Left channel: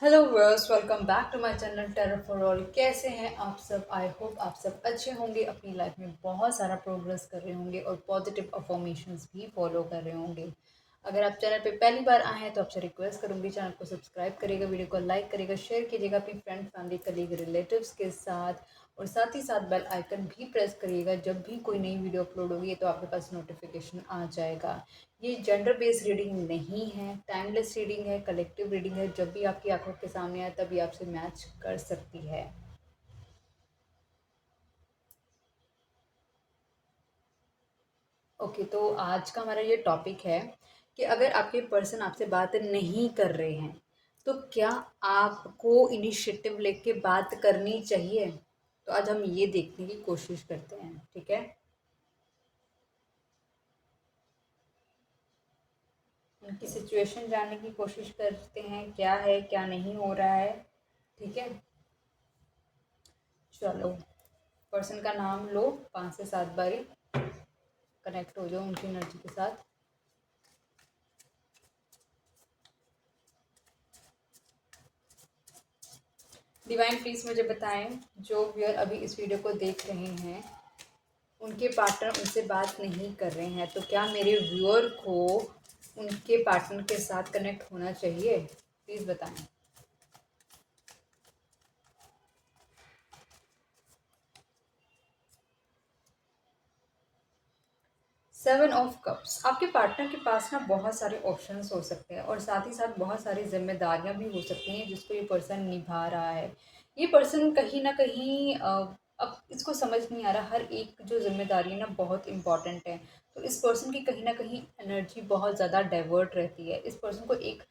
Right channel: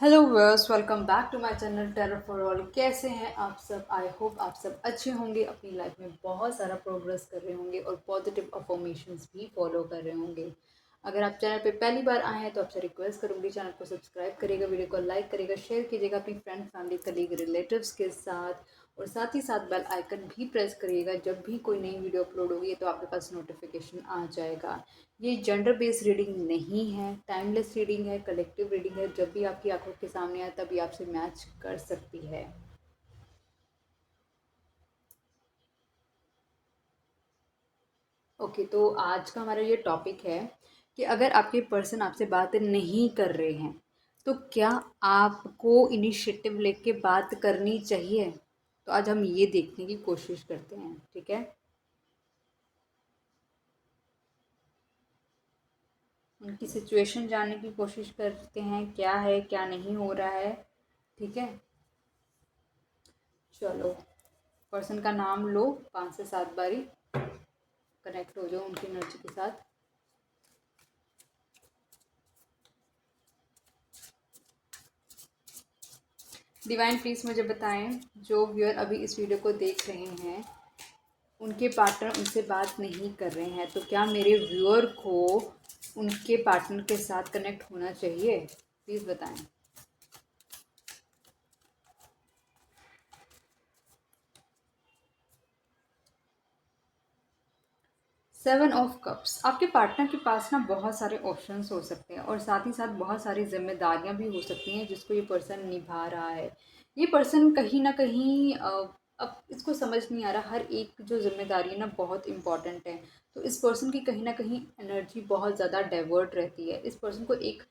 Hello viewers, welcome back to my channel tarot for all. कैसे हैं आप सब? आई होप आप सब अच्छे होंगे, अपनी लाइफ में बहुत सारा प्रोग्रेस कर रहे होंगे और पॉजिटिव अफर्मेशंस भी फॉलो कर रहे होंगे। अगर आप चैनल पे पहली बार आए हैं तो आपसे रिक्वेस्ट करूंगी, चैनल को सब्सक्राइब करिएगा, वीडियो को लाइक करिएगा, शेयर कीजिएगा अपनी फ्रेंड, फैमिली, कलीग, रिलेटिव्स के साथ और साथ ही साथ बेल आइकन भी प्रेस करिएगा। जब भी कोई नई वीडियो अपलोड होगी तो आपके पास नोटिफिकेशन आ जाएगा। ये जेंडर बेस्ड रीडिंग नहीं है, टाइमलेस रीडिंग है, कलेक्टिव रीडिंग है। जब भी आपकी आंखों के सामने आए तभी आपसे मैच कर सकती है। ओके, तो आज का हमारा ये टॉपिक है कि अगर आपके पर्सन आपसे बात नहीं कर रहे हैं तो क्या आपको इनिशिएटिव लेके बात करनी चाहिए। तो आज हम ये देखने की कोशिश करते हैं, ठीक है। उनकी सिचुएशन जानने की कोशिश करते हैं, क्या है क्या नहीं हो रहा है, ठीक है। चलो, पर्सन का नाम लो, 5 से 7 बारी कनेक्ट हो जाओ उनकी एनर्जी के साथ। डिवाइन प्लीज मुझे बताएं, जो व्यूअर अभी इस वीडियो को देख रहे हैं उनके पार्टनर उनसे बात नहीं कर रहे हैं, तो क्या मेरे व्यूअर को उनके पार्टनर के साथ कनेक्ट होना चाहिए? प्लीज़ बताएं। 7 ऑफ कप्स, आपके पार्टनर के पास ना बहुत सारे ऑप्शंस हो सकते हैं और साथ ही साथ बहुत सारी जिम्मेदारियां भी हो सकती हैं जिसको ये पर्सन निभा रहा है। ये पर्सन कहीं ना कहीं अब इसको समझ नहीं आ रहा, हर एक जो जिम्मेदारी है ना बहुत इंपॉर्टेंट है। तो इस पर्सन की कहीं ना कहीं एनर्जी बहुत ज़्यादा डाइवर्ट रहती है। इस पर्सन को एक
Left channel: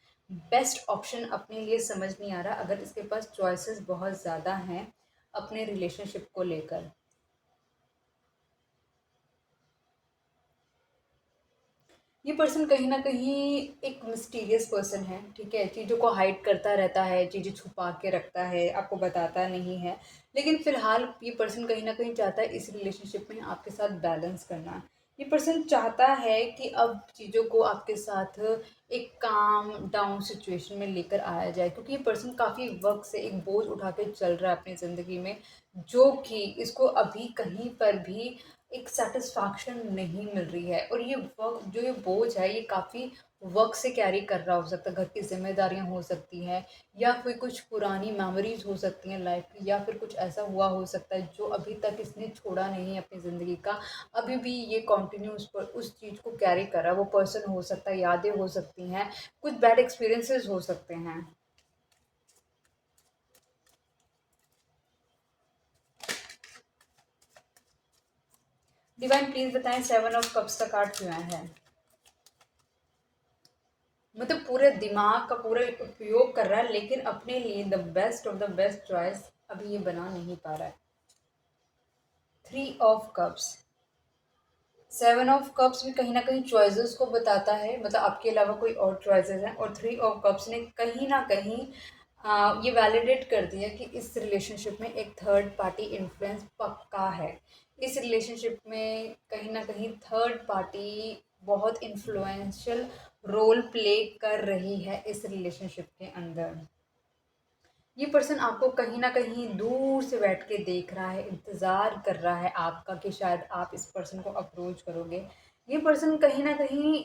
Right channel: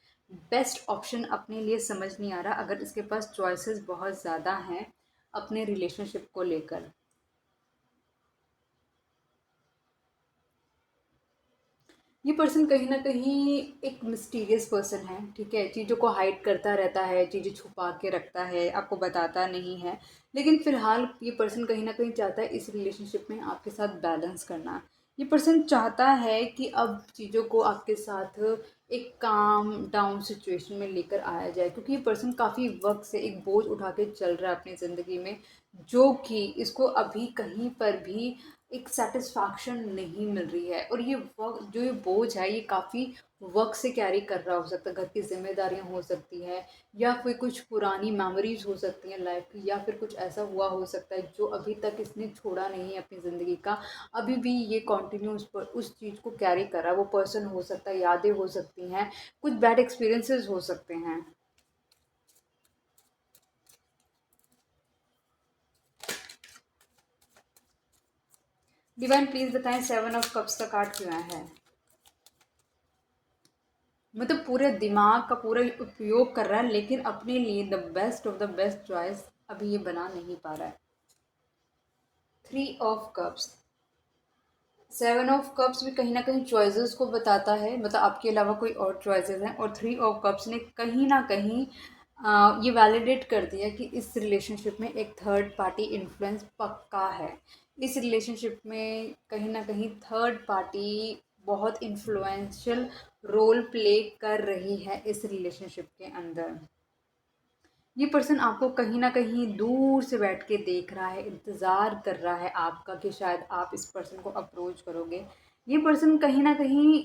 बेस्ट ऑप्शन अपने लिए समझ नहीं आ रहा, अगर इसके पास चॉइसेस बहुत ज़्यादा हैं अपने रिलेशनशिप को लेकर। ये पर्सन कहीं ना कहीं एक मिस्टीरियस पर्सन है, ठीक है। चीज़ों को हाइड करता रहता है, चीज़ें छुपा के रखता है, आपको बताता नहीं है। लेकिन फिलहाल ये पर्सन कहीं ना कहीं चाहता है इस रिलेशनशिप में आपके साथ बैलेंस करना। ये पर्सन चाहता है कि अब चीज़ों को आपके साथ एक काम डाउन सिचुएशन में लेकर आया जाए, क्योंकि ये पर्सन काफ़ी वक्त से एक बोझ उठा के चल रहा है अपनी ज़िंदगी में, जो कि इसको अभी कहीं पर भी एक सेटिस्फैक्शन नहीं मिल रही है। और ये वक्त जो ये बोझ है ये काफ़ी वक्त से कैरी कर रहा हो सकता है। घर की जिम्मेदारियां हो सकती हैं, या फिर कुछ पुरानी मेमोरीज हो सकती हैं लाइफ की, या फिर कुछ ऐसा हुआ हो सकता है जो अभी तक इसने छोड़ा नहीं है अपनी ज़िंदगी का। अभी भी ये कंटिन्यू उस पर उस चीज़ को कैरी कर रहा है। वो पर्सन हो सकता है, यादें हो सकती हैं, कुछ बैड एक्सपीरियंसेस हो सकते हैं। डिवाइन प्लीज बताएं, 7 ऑफ कप्स का कार्ड क्यों आया है? मतलब पूरे दिमाग का पूरा उपयोग कर रहा है लेकिन अपने लिए the best of the best choice अभी ये बना नहीं पा रहा है। 3 ऑफ कप्स, 7 ऑफ कप्स भी कहीं ना कहीं चॉइसेस को बताता है, मतलब आपके अलावा कोई और चॉइसेस हैं। और 3 ऑफ कप्स ने कहीं ना कहीं ये वैलिडेट कर दिया कि इस रिलेशनशिप में एक थर्ड पार्टी इन्फ्लुएंस पक्का है। इस रिलेशनशिप में कहीं ना कहीं थर्ड पार्टी बहुत इन्फ्लुएंशियल रोल प्ले कर रही है इस रिलेशनशिप के अंदर। ये पर्सन आपको कहीं ना कहीं दूर से बैठ के देख रहा है, इंतज़ार कर रहा है आपका कि शायद आप इस पर्सन को अप्रोच करोगे। ये पर्सन कहीं ना कहीं,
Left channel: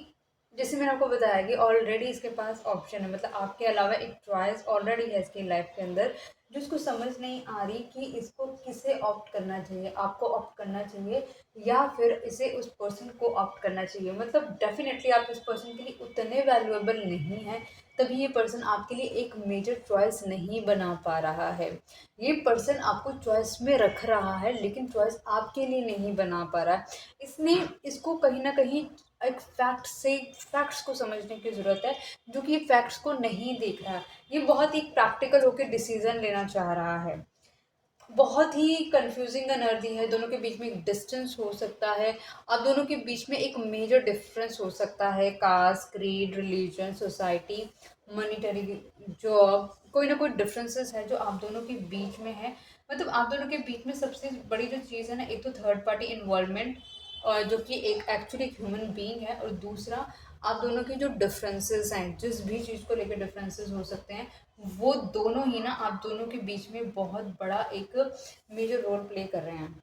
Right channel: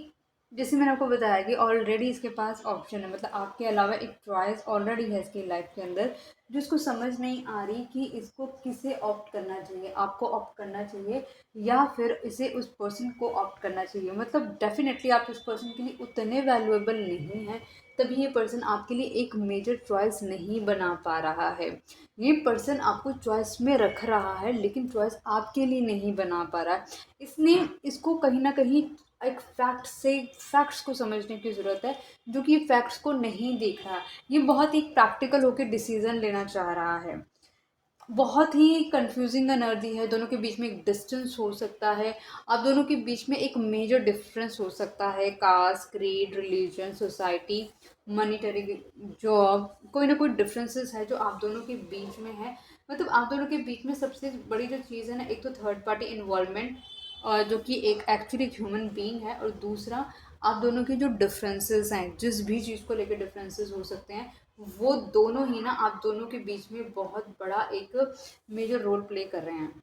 जैसे मैंने आपको बताया कि ऑलरेडी इसके पास ऑप्शन है, मतलब आपके अलावा एक चॉइस ऑलरेडी है इसकी लाइफ के अंदर, जो इसको समझ नहीं आ रही कि इसको किसे ऑप्ट करना चाहिए, आपको ऑप्ट करना चाहिए या फिर इसे उस पर्सन को ऑप्ट करना चाहिए। मतलब डेफिनेटली आप इस पर्सन के लिए उतने वैल्यूएबल नहीं हैं, तभी ये पर्सन आपके लिए एक मेजर चॉइस नहीं बना पा रहा है। ये पर्सन आपको चॉइस में रख रहा है लेकिन चॉइस आपके लिए नहीं बना पा रहा है। इसने इसको कहीं ना कहीं एक फैक्ट्स को समझने की ज़रूरत है, जो कि ये फैक्ट्स को नहीं देख रहा। ये बहुत ही प्रैक्टिकल होकर डिसीजन लेना चाह रहा है। बहुत ही कंफ्यूजिंग एनर्जी है, दोनों के बीच में एक डिस्टेंस हो सकता है, आप दोनों के बीच में एक मेजर डिफरेंस हो सकता है, caste, creed, religion, society, monetary, job, कोई ना कोई डिफरेंसेस है जो आप दोनों के बीच में है। मतलब आप दोनों के बीच में सबसे बड़ी जो चीज़ है ना, एक तो थर्ड पार्टी इन्वॉल्वमेंट, और जो कि एक एक्चुअली ह्यूमन बीइंग है, और दूसरा आप दोनों के जो डिफरेंसेस हैं, जिस भी चीज़ को लेकर डिफरेंसेस हो सकते हैं, वो दोनों ही ना आप दोनों के बीच में बहुत बड़ा एक मेजर रोल प्ले कर रहे हैं।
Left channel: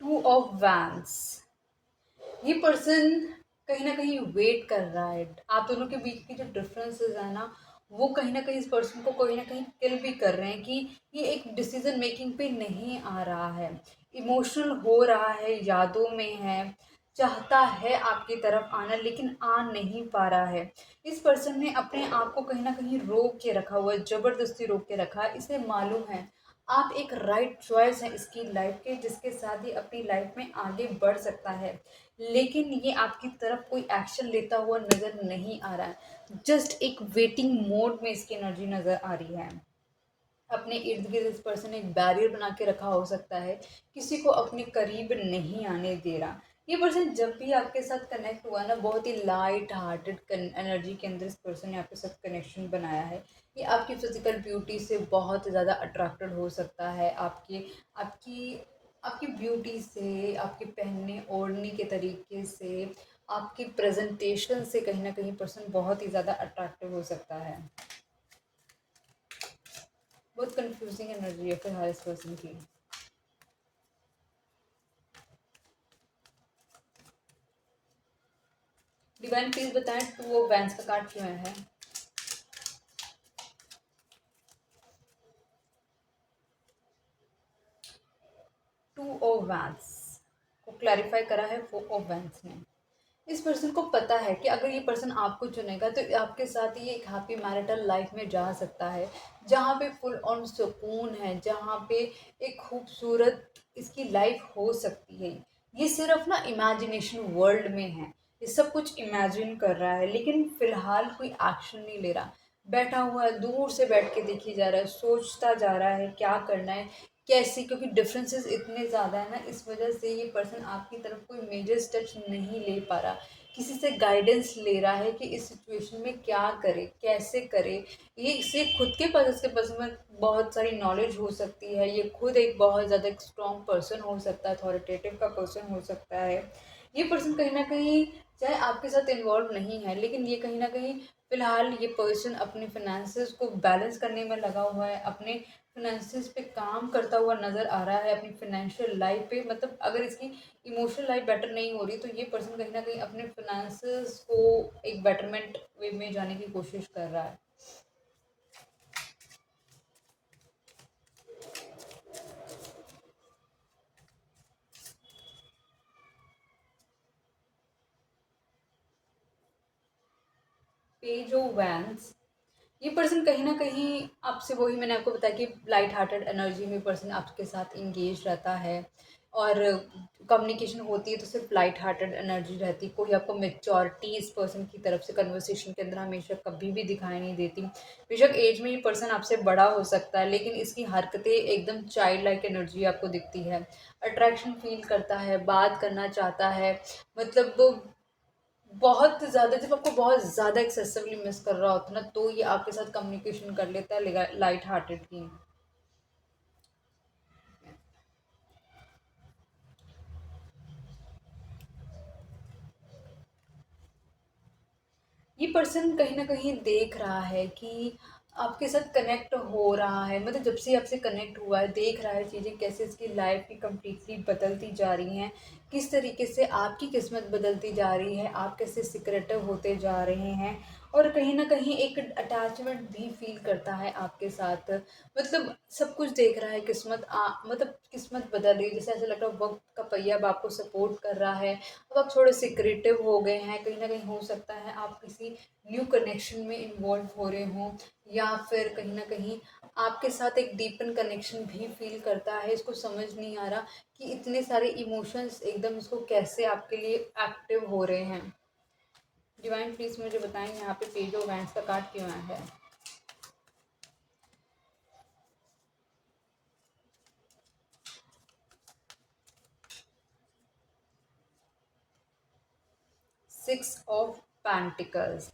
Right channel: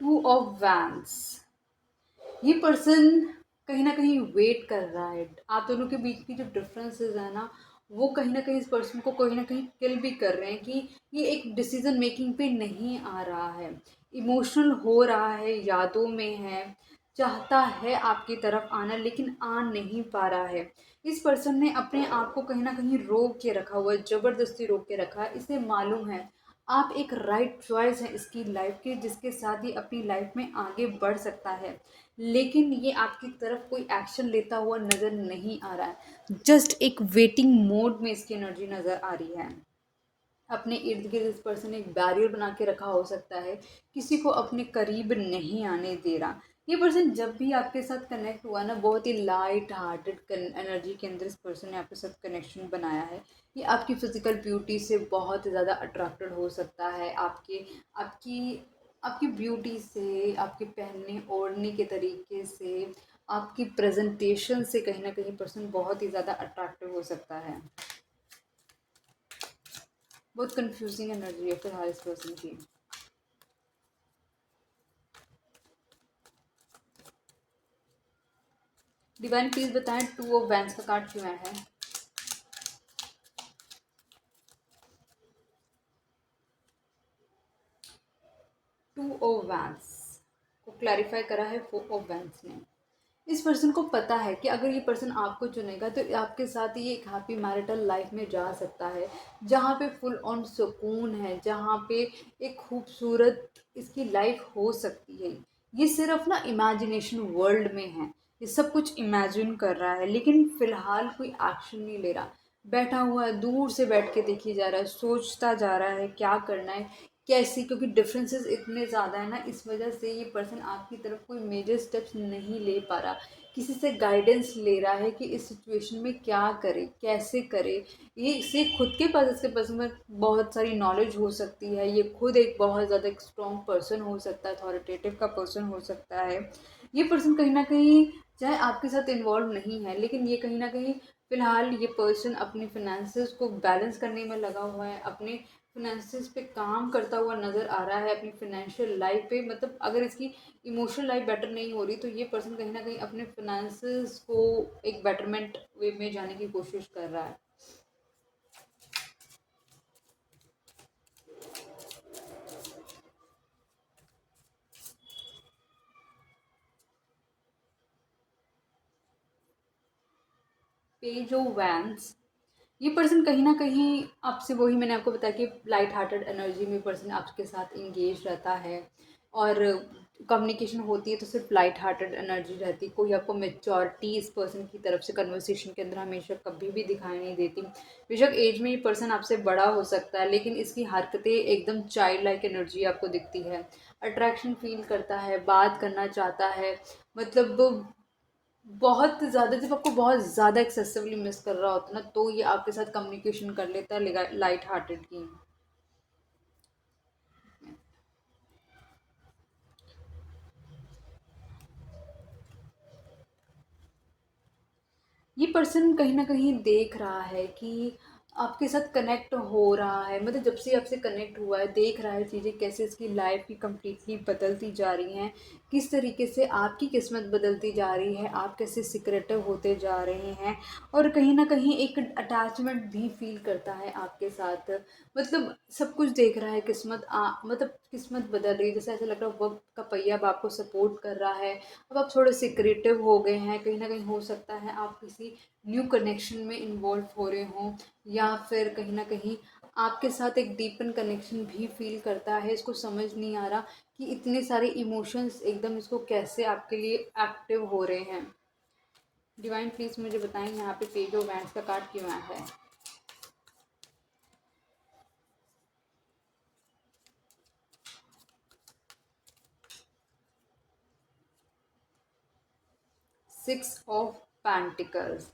टू ऑफ वैंस, ये पर्सन कहीं ना कहीं वेट कर रहा है। आप दोनों के बीच की जो डिफरेंसेस है ना, वो कहीं ना कहीं इस पर्सन को कहीं ना कहीं किल भी कर रहे हैं कि ये एक डिसीजन मेकिंग पे नहीं आ रहा है, इमोशनल हो रहा है, यादों में है, चाहता है आपकी तरफ आना लेकिन आ नहीं पा रहा है। इस पर्सन ने अपने आप को कहीं ना कहीं रोक के रखा हुआ है, ज़बरदस्ती रोक के रखा है। इसे मालूम है आप एक राइट चॉइस है इसकी लाइफ के, जिसके साथ ही अपनी लाइफ में आगे बढ़ सकता है, लेकिन ये आपकी तरफ कोई एक्शन लेता हुआ नज़र नहीं आ रहा है। जस्ट एक वेटिंग मोड में इसकी एनर्जी नज़र आ रही है। अपने इर्द गिर्द इस पर्सन ने एक बैरियर बना के रखा हो सकता है, किसी को अपने करीब नहीं आने दे रहा। ये पर्सन जब भी आपके साथ कनेक्ट हुआ ना, बहुत ही लाइट हार्टेड एनर्जी के अंदर इस पर्सन ने आपके साथ कनेक्शन बनाया है। ये आपकी फिजिकल ब्यूटी से बहुत ज़्यादा अट्रैक्टेड हो सकता है, आपके आपकी आपकी ब्यूटी से, आपके पहनने ओढ़ने के तरीके से, आपकी प्रेजेंटेशन से कहीं ना कहीं पर्सन बहुत ही ज़्यादा अट्रैक्टिव हो सकता है। बहुत कंफ्यूजिंग एनर्जी है फिलहाल इस पर्सन की। डिवाइन प्लीज बताएं टू ऑफ वैंस का कार्ड क्यों आया है। टू ऑफ वैंस को क्लैरिफाई करा है फोर ऑफ वैंस ने। इस पर्सन को पता है कि अगर ये पर्सन आपको चुनेगा तो आपके साथ ये एक हैप्पी मैरिटल लाइफ में जा सकता है, जहाँ पे फुल ऑन सुकून है, जहाँ पे एक खूबसूरत इसकी लाइफ हो सकती है। ये सिर्फ ना इमेजिनेशन वर्ल्ड में है, ये सब कुछ इमेजिन कर रहा है लेकिन फ़िलहाल कोई एक्शन नहीं ले रहा। बैठा हुआ है, दूर से बैठ के देखी जा रहा है, सोचता जा रहा है क्या करना है, कैसे, क्योंकि डिफरेंसेस इतने ज़्यादा है ना, इस वजह से ये पर्सन आपकी तरफ कोई मेजर स्टेप्स नहीं ले पा रहा। किसी से गाइडेंस ले रहा है कि इस सिचुएशन में क्या करे, कैसे करे। ये इसे खुद के पास, इसके पास में बहुत सारी नॉलेज हो सकती है, ये खुद एक बहुत ज़्यादा एक स्ट्रॉन्ग पर्सन हो सकता है, अथॉरिटेटिव का पर्सन हो सकता है। ये पर्सन कहीं ना कहीं चाहे आपके साथ इन्वॉल्व नहीं है, लेकिन ये कहीं ना कहीं फ़िलहाल ये पर्सन अपने फिनेंसेस को बैलेंस करने में लगा हुआ है, अपने फिनेंसेस पे काम करता हुआ नज़र आ रहा है, अपनी फाइनेंशियल लाइफ पे। मतलब अगर इसकी इमोशनल लाइफ बेटर नहीं हो रही तो ये पर्सन कहीं ना कहीं अपने फिनेंसेस को एक बेटरमेंट वे में जाने की कोशिश कर रहा है। पेज ऑफ वैंस, ये पर्सन कहीं न कहीं आपसे, वही मैंने आपको बताया कि लाइट हार्टेड एनर्जी में पर्सन आपके साथ एंगेज रहता है, और कम्युनिकेशन होती है तो सिर्फ लाइट हार्टेड एनर्जी रहती है। कोई आपको मेच्योरिटी इस पर्सन की तरफ से कन्वर्सेशन के अंदर हमेशा कभी भी दिखाई नहीं देती। बेशक एज में ये पर्सन आपसे बड़ा हो सकता है, लेकिन इसकी हरकतें एकदम चाइल्ड लाइक एनर्जी आपको दिखती है। अट्रैक्शन फील करता है, बात करना चाहता है, मतलब बहुत ज़्यादा, जब आपको बहुत ज़्यादा एक्सेसिवली मिस कर रहा होता है ना, तो ये आपके साथ कम्युनिकेशन कर लेता है लाइट हार्टेड की। ये पर्सन कहीं न कहीं देख रहा है कि आपके साथ कनेक्ट हो रहा है, मतलब जब से आपसे कनेक्ट हुआ है देख रहा है चीज़ें कैसे इसकी लाइफ की कंप्लीटली बदलती जा रही हैं, किस तरीके से आपकी किस्मत बदलती जा रही है, आप कैसे सिक्रेटिव होते जा रहे हैं, और कहीं न कहीं एक अटैचमेंट भी फ़ील करता है आपके साथ। मतलब सब कुछ देख रहा है, मतलब किस्मत बदल रही है, जैसे ऐसा लग रहा है वक़्त का पहिया अब आपको सपोर्ट कर रहा है। अब आप थोड़े सिक्रेटिव हो गए हैं, कहीं ना कहीं हो सकता है आप किसी न्यू कनेक्शन में इन्वॉल्व हो रहे हों, या फिर कहीं ना कहीं आपके साथ एक डीपन कनेक्शन भी फील करता है। इसको समझ नहीं आ रहा कि इतने सारे इमोशंस एकदम इसको कैसे आपके लिए एक्टिव हो रहे हैं। डिवाइन प्लीज़ मुझे बताएं यहाँ पे पेज ऑफ वैंस का कार्ड क्यों आया है। सिक्स ऑफ पेंटिकल्स,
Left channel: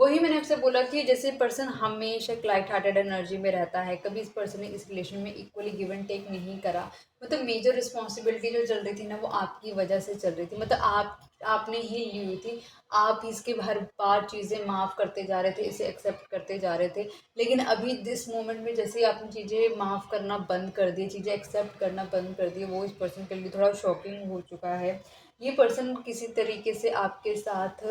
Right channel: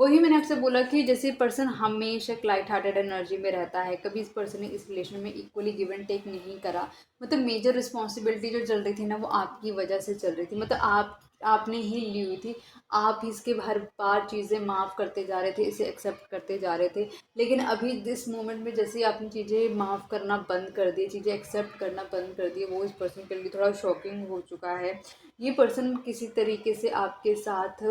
वही मैंने आपसे बोला कि जैसे पर्सन हमेशा एक लाइट हार्टेड एनर्जी में रहता है, कभी इस पर्सन ने इस रिलेशन में इक्वली गिव एंड टेक नहीं करा। मतलब मेजर रिस्पॉन्सिबिलिटी जो चल रही थी ना, वो आपकी वजह से चल रही थी, मतलब आपने ही ली हुई थी। आप ही इसके हर बार चीज़ें माफ़ करते जा रहे थे, इसे एक्सेप्ट करते जा रहे थे। लेकिन अभी दिस मोमेंट में जैसे ही आपने चीज़ें माफ़ करना बंद कर दी, चीज़ें एक्सेप्ट करना बंद कर दी, वो इस पर्सन के लिए थोड़ा शॉकिंग हो चुका है। ये पर्सन किसी तरीके से आपके साथ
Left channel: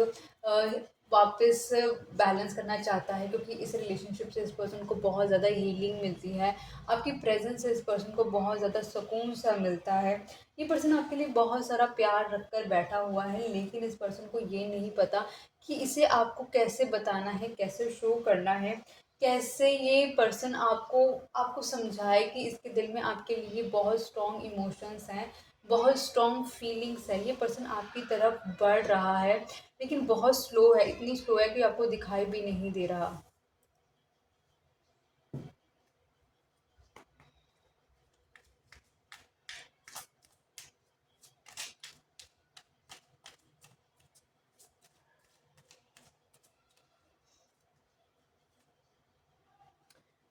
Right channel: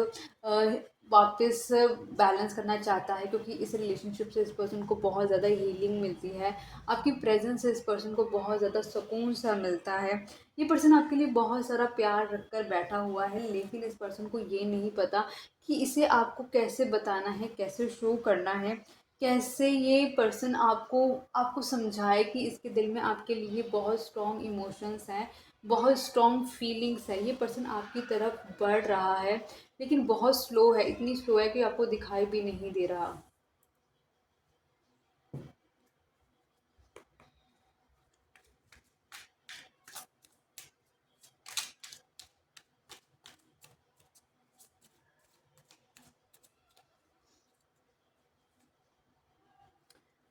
वापस बैलेंस करना चाहता है, क्योंकि इस रिलेशनशिप से इस पर्सन को बहुत ज़्यादा हीलिंग मिलती है। आपकी प्रेजेंस से इस पर्सन को बहुत ज़्यादा सुकून सा मिलता है। ये पर्सन आपके लिए बहुत सारा प्यार रख कर बैठा हुआ है, लेकिन इस पर्सन को ये नहीं पता कि इसे आपको कैसे बताना है, कैसे शो करना है, कैसे ये पर्सन आपको आपको समझाए कि इसके दिल में आपके लिए बहुत स्ट्रॉन्ग इमोशंस हैं, बहुत स्ट्रॉन्ग फीलिंग्स है। ये पर्सन आपकी तरफ बढ़ रहा है, लेकिन बहुत स्लो है, इतनी स्लो है कि आपको दिखाई भी नहीं दे रहा।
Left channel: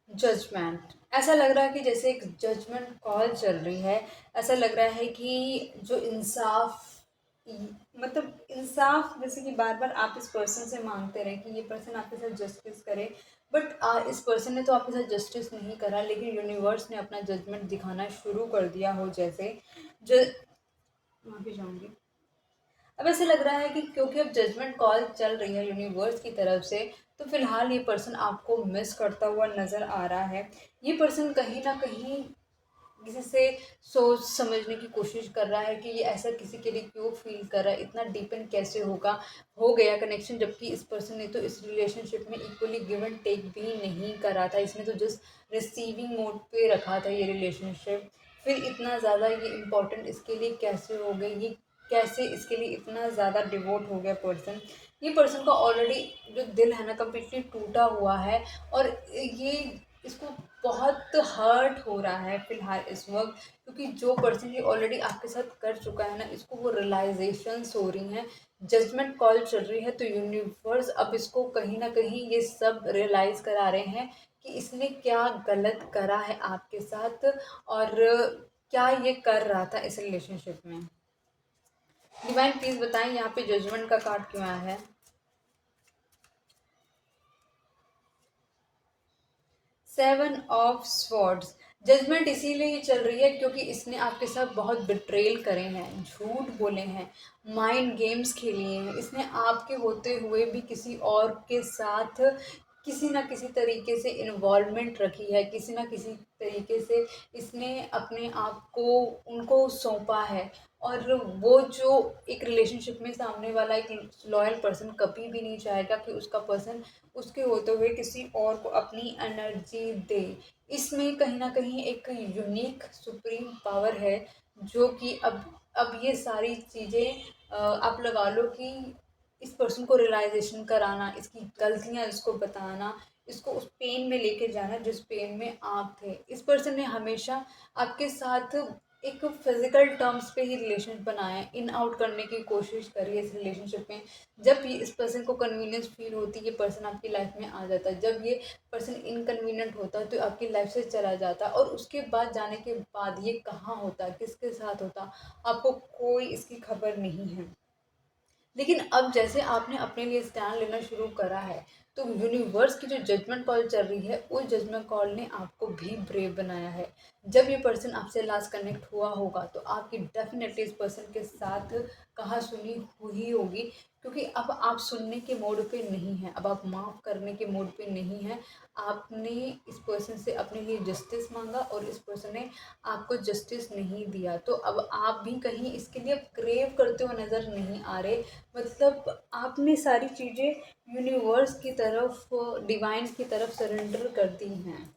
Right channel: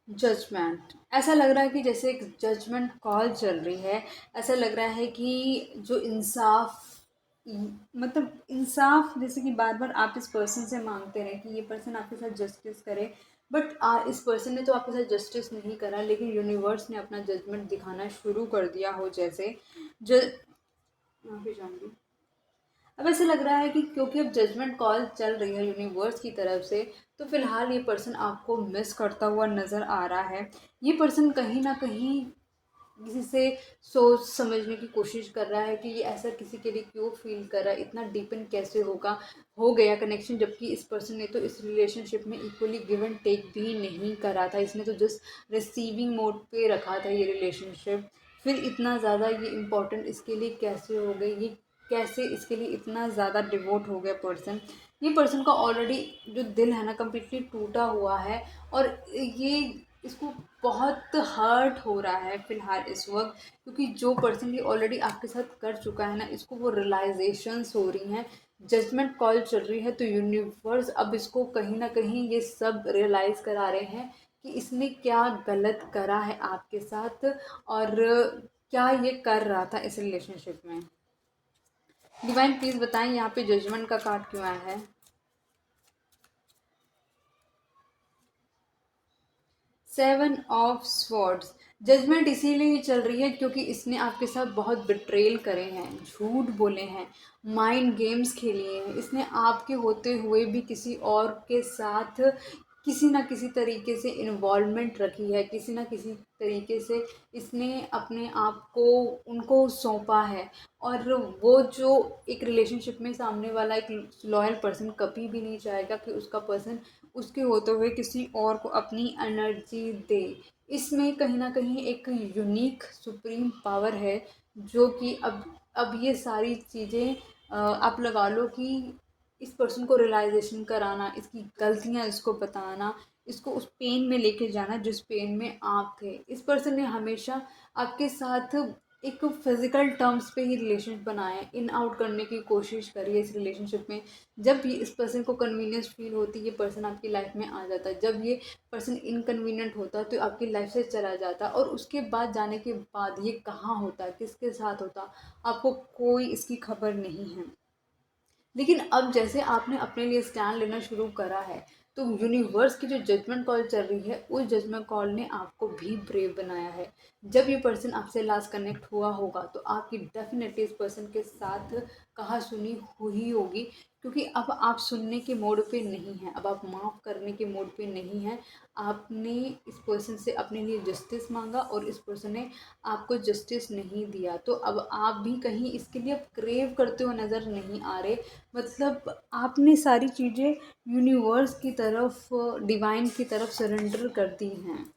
जजमेंट, ऐसा लग रहा है कि जैसे एक जजमेंट कॉल चल रही है। ऐसा लग रहा है कि जो इंसाफ, मतलब इंसाफ जैसे कि बार बार आप इस पर्सन से मांगते रहे कि ये पर्सन आपके साथ जस्टिस करे, बट इस पर्सन ने तो आपके साथ जस्टिस नहीं करा, लेकिन यूनिवर्स ने अपना जजमेंट दिखाना शुरू कर दिया हो। जैसे ज माफी चाहूँगी। अब ऐसा लग रहा है कि क्योंकि अब जजमेंट कॉल चल रही है यूनिवर्स की तरफ से, तो फिलहाल ये पर्सन आपको मिस करता हुआ नज़र आ रहा है। ये पर्सन कहीं ना कहीं किसी से सोच समझने की कोशिश कर रहा है कि ये ऐसा किसी के लिए क्यों फील कर रहा है, इतना डीपन कैसे होगा, हो गया कनेक्शन, जबकि इस पर्सन ने तो इस रिलेशनशिप में इक्वली गिव एंड टेक भी नहीं करा था। इसने तो जस्ट रिसीविंग मोड पे रखा था ये रिलेशनशिप। फिर इतना ज़्यादा ये इम्पोर्टेंट इसके लिए कैसे हो गई, ये कैसे इसके लिए इतना ज़्यादा डिवोट हो गया पर्सन। ये पर्सन का ऑलरेडी जो दिल है ना कम्प्लीटली टूटा हुआ है, और ये इसको बहुत हर्ट हो रहा है फ़िलहाल इस वक़्त, क्योंकि जो पर्सन ये ऑलरेडी आपके साथ कर चुका है ना, इसको वो रियलाइज़ेशंस हो रही हैं, जजमेंट कॉल चल रही है। तो यूनिवर्स अब इसको कहीं न कहीं ये सब रियलाइज़ करा रहे हैं कि इसने क्या गलत करा है आपके साथ, और क्या ये कर रहा था इस रिलेशनशिप में। डिवाइन प्लीज़ बताएँ यहाँ पे जजमेंट का कार्ड क्यों आया है? 7 ऑफ स्वॉर्ड्स, जजमेंट इसीलिए ही चल रही है क्योंकि इसने आपके साथ बहुत बिट्रेल करे हैं, झूठ बोले हैं, माइंड गेम्स खेली हैं। इसने आपके होते हुए भी किसी और के साथ किसी न किसी तरीके से इन्वॉल्वमेंट रखी है, किसी न किसी तरीके से इसने अपने आप को उनको सौंपा है। और वो जो एक रिलेशनशिप में सामने वाला एक लॉयल पर्सन कभी भी नहीं चाहेगा कि उसका पर्सन उसके होते हुए किसी और को अपनी एनर्जी दे। इसमें कहीं न कहीं एक यूनिक सुप्रीम पावर है, जो कि अब ये सारी चीज़ें आप लगा लो कि इस पर्सन को रियलाइज़ेशन कराना, इसकी गलतियाँ इसको बताना, इसको उस पेन में लेके जाना जिस पेन में आप थे। इस पर्सन ने हमेशा आपके साथ एक फिज़िकल टर्म्स पे ही रिलेशन बनाए, इन आउट करने की कोशिश करी है इस रिलेशनशिप में। जब भी इस पर्सन को कन्वीनियंस फील होती है, ये पर्सन आपकी लाइफ में आ जाता है। जब ये पर्सन इनकन्वीनियंट होता है तो आपकी लाइफ से चला जाता है, और उसके बाद जाने के बाद ये कहाँ होता है, किसके साथ होता है, आपको कोई इसकी खबर नहीं है। लेकिन अब जैसे आपने अपने लिए स्टैंड लेना शुरू करा है, तो यूनिवर्स की जो जजमेंट कॉल चल रही है, उस जजमेंट कॉल ने आपको भी ब्रेव बनाया है। जब ये पर्सन आपसे लास्ट कनेक्ट हुआ होगा, तो आपकी डेफिनेटली इस पर्सन के साथ कहा सुनी हुई होगी, क्योंकि अब आप सुनने के मोड पे नहीं हैं, अब आप माफ़ करने के मोड पे नहीं हैं। आपने इस पर्सन से अपने लिए जस्टिस मांगा, और इस पर्सन ने आपको जस्टिस नहीं दिया। तो अब आप भी कहीं इसके लिए क्रेव करते हुए नज़र नहीं आ रहे। मतलब आपने सारी चीज़ें यूनिवर्स की तरफ, डिवाइन की तरफ सरेंडर कर दी हैं।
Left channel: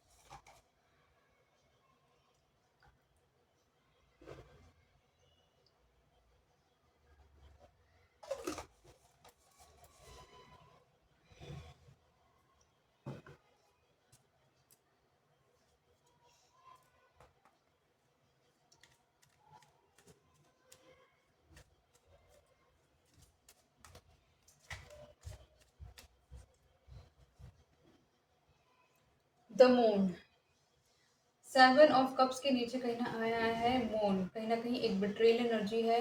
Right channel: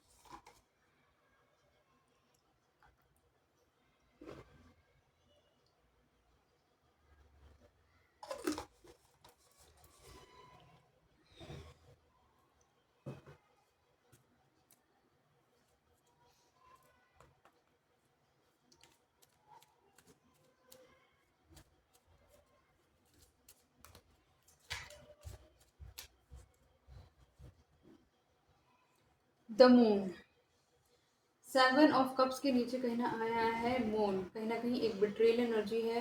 द मून, 7 ऑफ कप्स के नीचे कहीं ना आया है मून, कहीं ना कहीं एक बिट्रेयल एनर्जी है।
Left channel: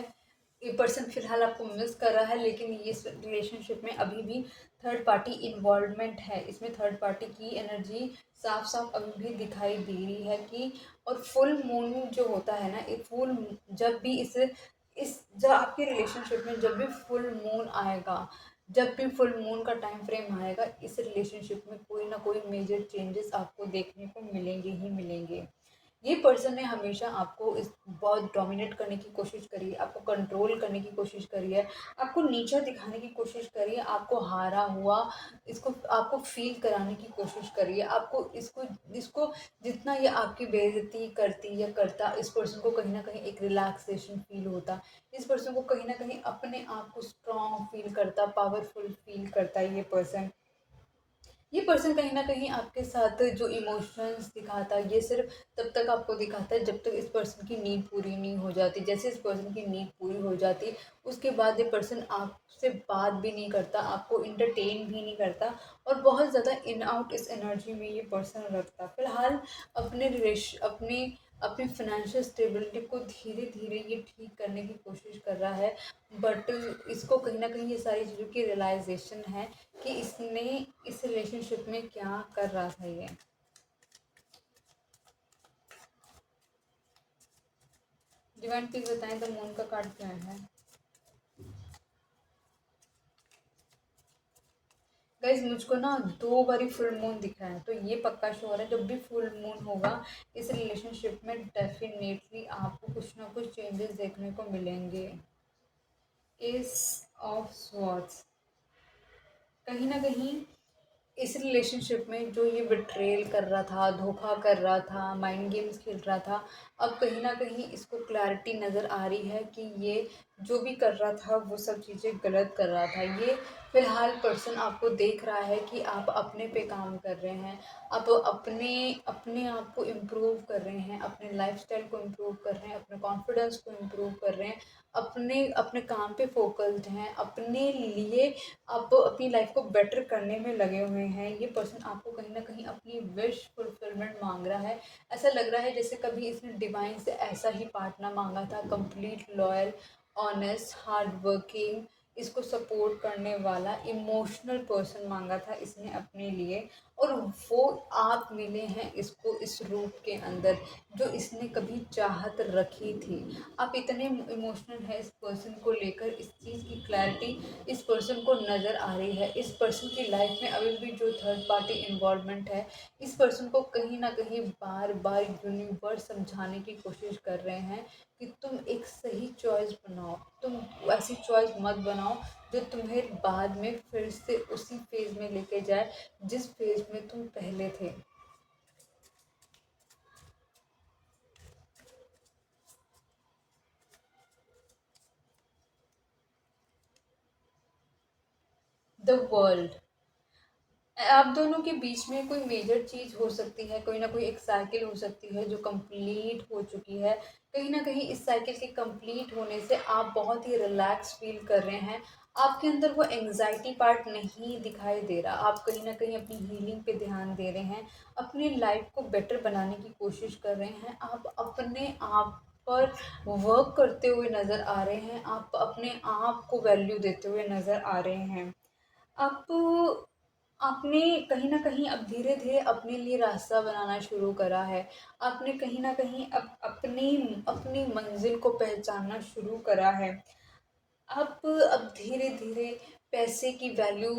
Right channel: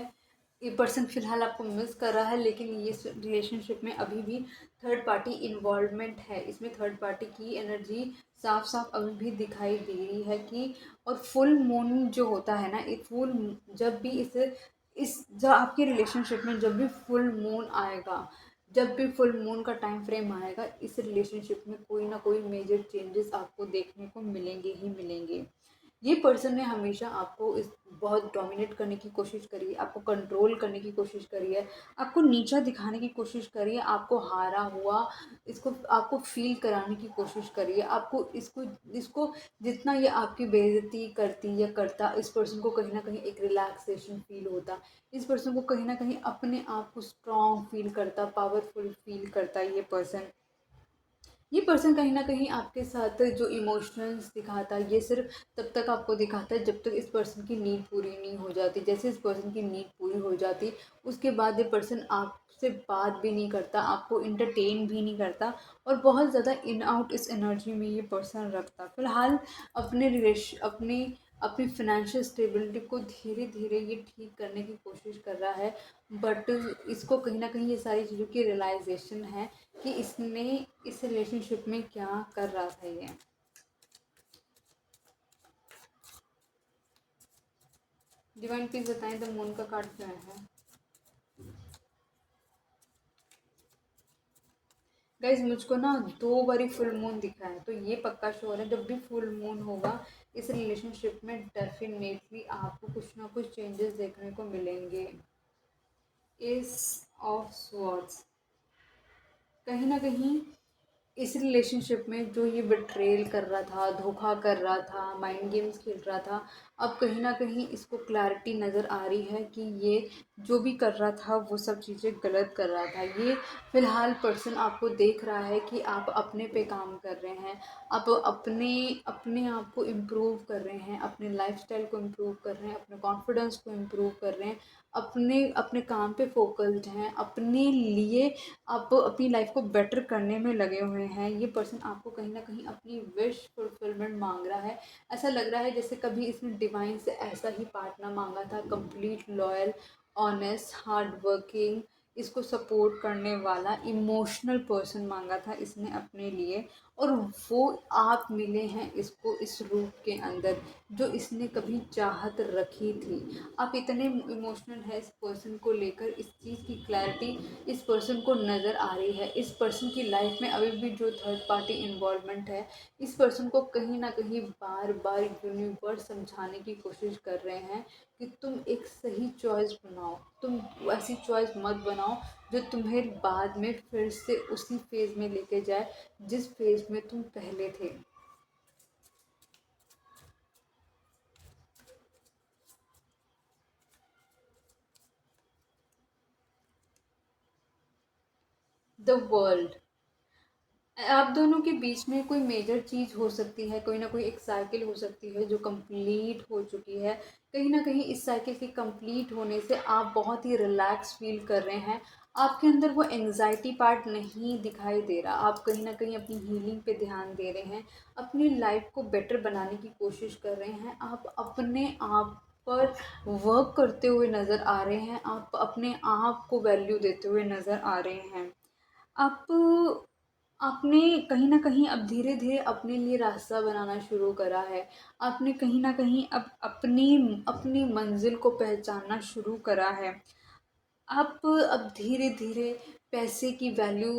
ये पर्सन फिलहाल आपको मिस कर रहा है, लेकिन ये रिलेशनशिप में अभी भी थर्ड पार्टी इन्वॉल्वमेंट है। इसमें थर्ड पार्टी की एनर्जी साफ साफ अभी भी दिखाई दे रही है कि, और फुल मून जो होता है ना, एक फुल, जब भी इस जब आपकी रिलेशनशिप में जब भी फुल मून आएगा, जब भी फुल मून का टाइम फ्रेम आएगा, इस रिलेशनशिप में कोई ना कोई मेजर चेंजेस आपको देखने को मिलेंगे ही मिलेंगे। ये पर्सन ने हमेशा आपको इस बहुत डोमिनेट करने की कोशिश करी है, आपको कंट्रोल करने की कोशिश करी है, आपको नीचा दिखाने की कोशिश करी है, आपको हारा हुआ इसको आपको फील कराने की कोशिश करी है, आपको इसको इसको जितना ये आपकी बेइज्जती करती या करता, इस पर्सन को कहीं ना कहीं एक रिलैक्सेशन फील होता, इस पर्सन को कहीं ना कहीं अपने आप को स्ट्रॉन्ग फील करता, पावरफुल फील करता है। ये पर्सन कहीं न कहीं आपके साथ जो इमोशंस दिखाता है, ये सिर्फ़ तब तक आपको दिखाता है जब तक इस पर्सन की नीड पूरी नहीं हो जाती। जैसे इस पर्सन की नीड पूरी हो जाती, उसके बाद ये पर्सन आपसे बात भी नहीं करता, आपको एंटरटेन भी नहीं करता, और बहुत ज़्यादा इन आउट इस एनर्जी में ये पर्सन रखता। फ़िलहाल अपनी अपनी फ़ाइनेंशियल स्टेबिलिटी को धीरे-धीरे ये ठीक करने की कोशिश कर रहा है, बट इसको कहीं न कहीं ये सारी चीज़ों की रियलाइज़ेशन है कि इसने इस रिलेशनशिप में क्या कर रहा था ये। डिवाइन प्लीज बताएं द मून का कार्ड क्यों है। गाइज मुझको ना 2 बारी फुल मून दिख रहा है, तो ये पक्का श्योर है जब भी फुल मून होगा इस रिलेशनशिप में डेफिनेटली आपको कुछ ना कुछ चेंजेस देखने को मिलेंगे। एस ऑफ स्वॉर्ड्स, कहीं ना कहीं इस रिलेशनशिप में जो ये बिट्रेल कर रहा था, धोखा कर रहा था, माइंड गेम्स खेल रहा था, अब कहीं ना कहीं इसको क्लैरिटी नज़र आ रही है कि ये जो भी कर रहा था वो सब चीज़ें गलत कर रहा था। ये फ़िलहाल पर्सन आपको देख रहा है कि आप अपने पे काम कर रहे हैं, आप अपने अपने आप को इम्प्रूव कर रहे हैं, अपने लाइफस्टाइल को इम्प्रूव कर रहे हैं, अपने कॉन्फिडेंस को इम्प्रूव कर रहे हैं, अपने अपने काम पे फोकस्ड हैं, अपने लिए आप अपनी लाइफ को बेटर करने में लगे हुए हैं। ये पर्सन आपको कहीं ना कहीं अपनी विश फुलफिलमेंट मांग रहा है। ऐसा लग रहा है जैसे कभी इसने डिवाइन से ऐसा ही पार्टनर मांगा था, complete loyal, honest, hard working, इसको सपोर्ट करने वाला इमोशनल पर्सन मांगा था इसने अपने लिए, और वो आप मिले हैं इसको इस रूप के अंदर जो इसने कभी चाहत रखी थी। आप इतने इमोशनल हैं इस पर्सन को लेकर, इस चीज़ की क्लैरिटी इस पर्सन को नज़र आ रही है। इस पर्सन की लाइफ में अभी भी जो थर्ड पार्टी इन्वॉल्वमेंट है, इस पर्सन को कहीं ना कहीं बार बार यूनिवर्स समझाने की कोशिश कर रहे हैं कि तुम एक सही चॉइस बनाओ, तुम ऐसी चॉइस मत बनाओ जो तुम्हें बाद में फिर से उसी फेज़ में लेके जाए जिस फेज़ में तुम पहले थे। द वर्ल्ड, आप दोनों के बीच में कोई मेजर चीज़ हो सकती है, कोई ना कोई एक साइकिल हो सकती है जो कंप्लीट हो चुकी है। कहीं ना कहीं इस साइकिल के कंप्लीट होने से आप बहुत ही रिलैक्स फील कर रहे हैं, आपके अंदर वो एंग्जाइटी पार्ट नहीं दिखाई दे रहा, आप कहीं ना कहीं अपनी हीलिंग पे ध्यान दे रहे हैं, अपनी लाइफ को बेटर बनाने की कोशिश कर रहे हैं, आप अपने आप पर वर्क करते हुए नज़र आ रहे हैं, आप अपने आप को वैल्यू देते हुए नज़र आ रहे हैं। आप आपने कहीं न कहीं अब धीरे-धीरे अपने लिए रास्ता बनाना शुरू करा है। आपने कहीं न कहीं अब अपनी अपनी मंज़िल को पहचानना शुरू करा है। आप अब धीरे-धीरे पैसे की वैल्यू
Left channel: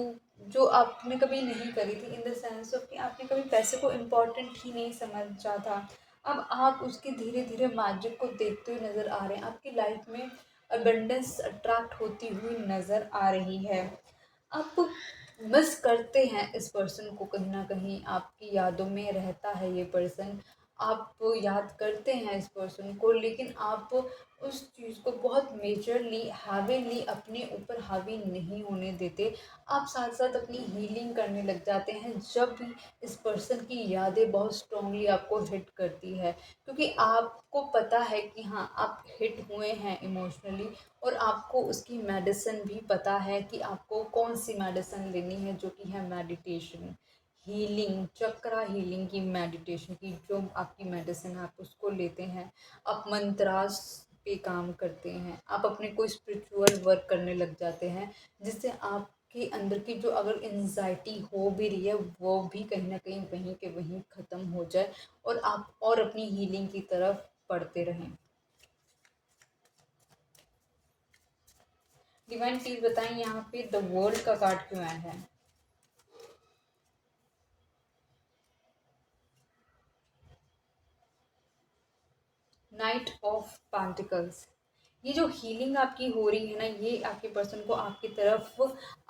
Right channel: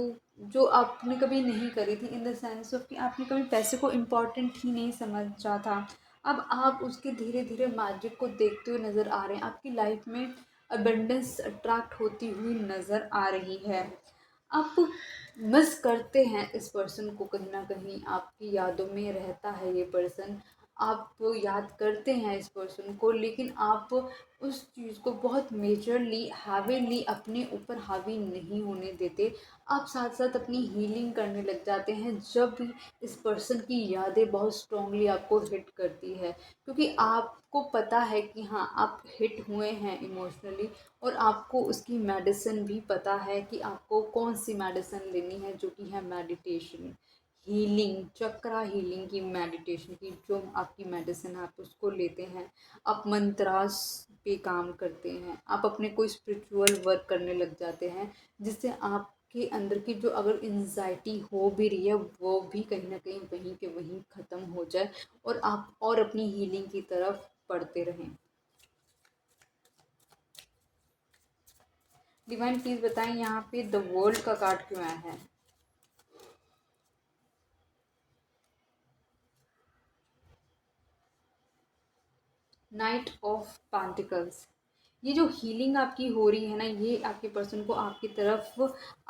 जो आपने कभी नहीं करी थी, इन द सेंस ऑफ कि आपने कभी पैसे को इम्पोर्टेंट ही नहीं समझा था। अब आप उसके धीरे-धीरे मैजिक को देखते हुए नज़र आ रहे हैं। आपकी लाइफ में अबंडेंस अट्रैक्ट होती हुई नज़र आ रही है। आप मिस करते हैं इस पर्सन को, कहीं न कहीं आपकी यादों में रहता है ये पर्सन। आप याद करते हैं इस पर्सन को, लेकिन आप उस चीज़ को बहुत मेजरली हैवीली अपने ऊपर हावी नहीं होने देते। आप साथ-साथ अपनी हीलिंग करने लग जाते हैं जब भी इस पर्सन की यादें बहुत स्ट्रॉन्गली आपको हिट करती है। क्योंकि आपको पता है कि हाँ, आप हिट हुए हैं इमोशनली, और आपको उसकी मेडिसिन भी पता है कि आपको कौन सी मेडिसिन लेनी है, जो कि है मेडिटेशन, हीलिंग, चक्रा हीलिंग की, मेडिटेशन की, जो आपकी मेडिसिन है आप उसको लेते हैं, आप मंत्रास पे काम करते हैं, आप अपने कोई स्पिरिचुअल वर्क करने लग जाते हैं, जिससे आपके अंदर की जो अगर एंजाइटी हो भी रही है वो भी कहीं ना कहीं वहीं के वहीं ख़त्म हो जाए और आप और अपनी हीलिंग की तरफ बढ़ते रहें। डिवाइन प्लीज बताएं यहाँ पे द वर्ल्ड का कार्ड क्यों आया है। Night of pentacles. ये जो हीलिंग आपकी हो रही है ना, ये आपके पर्सन को आपकी तरफ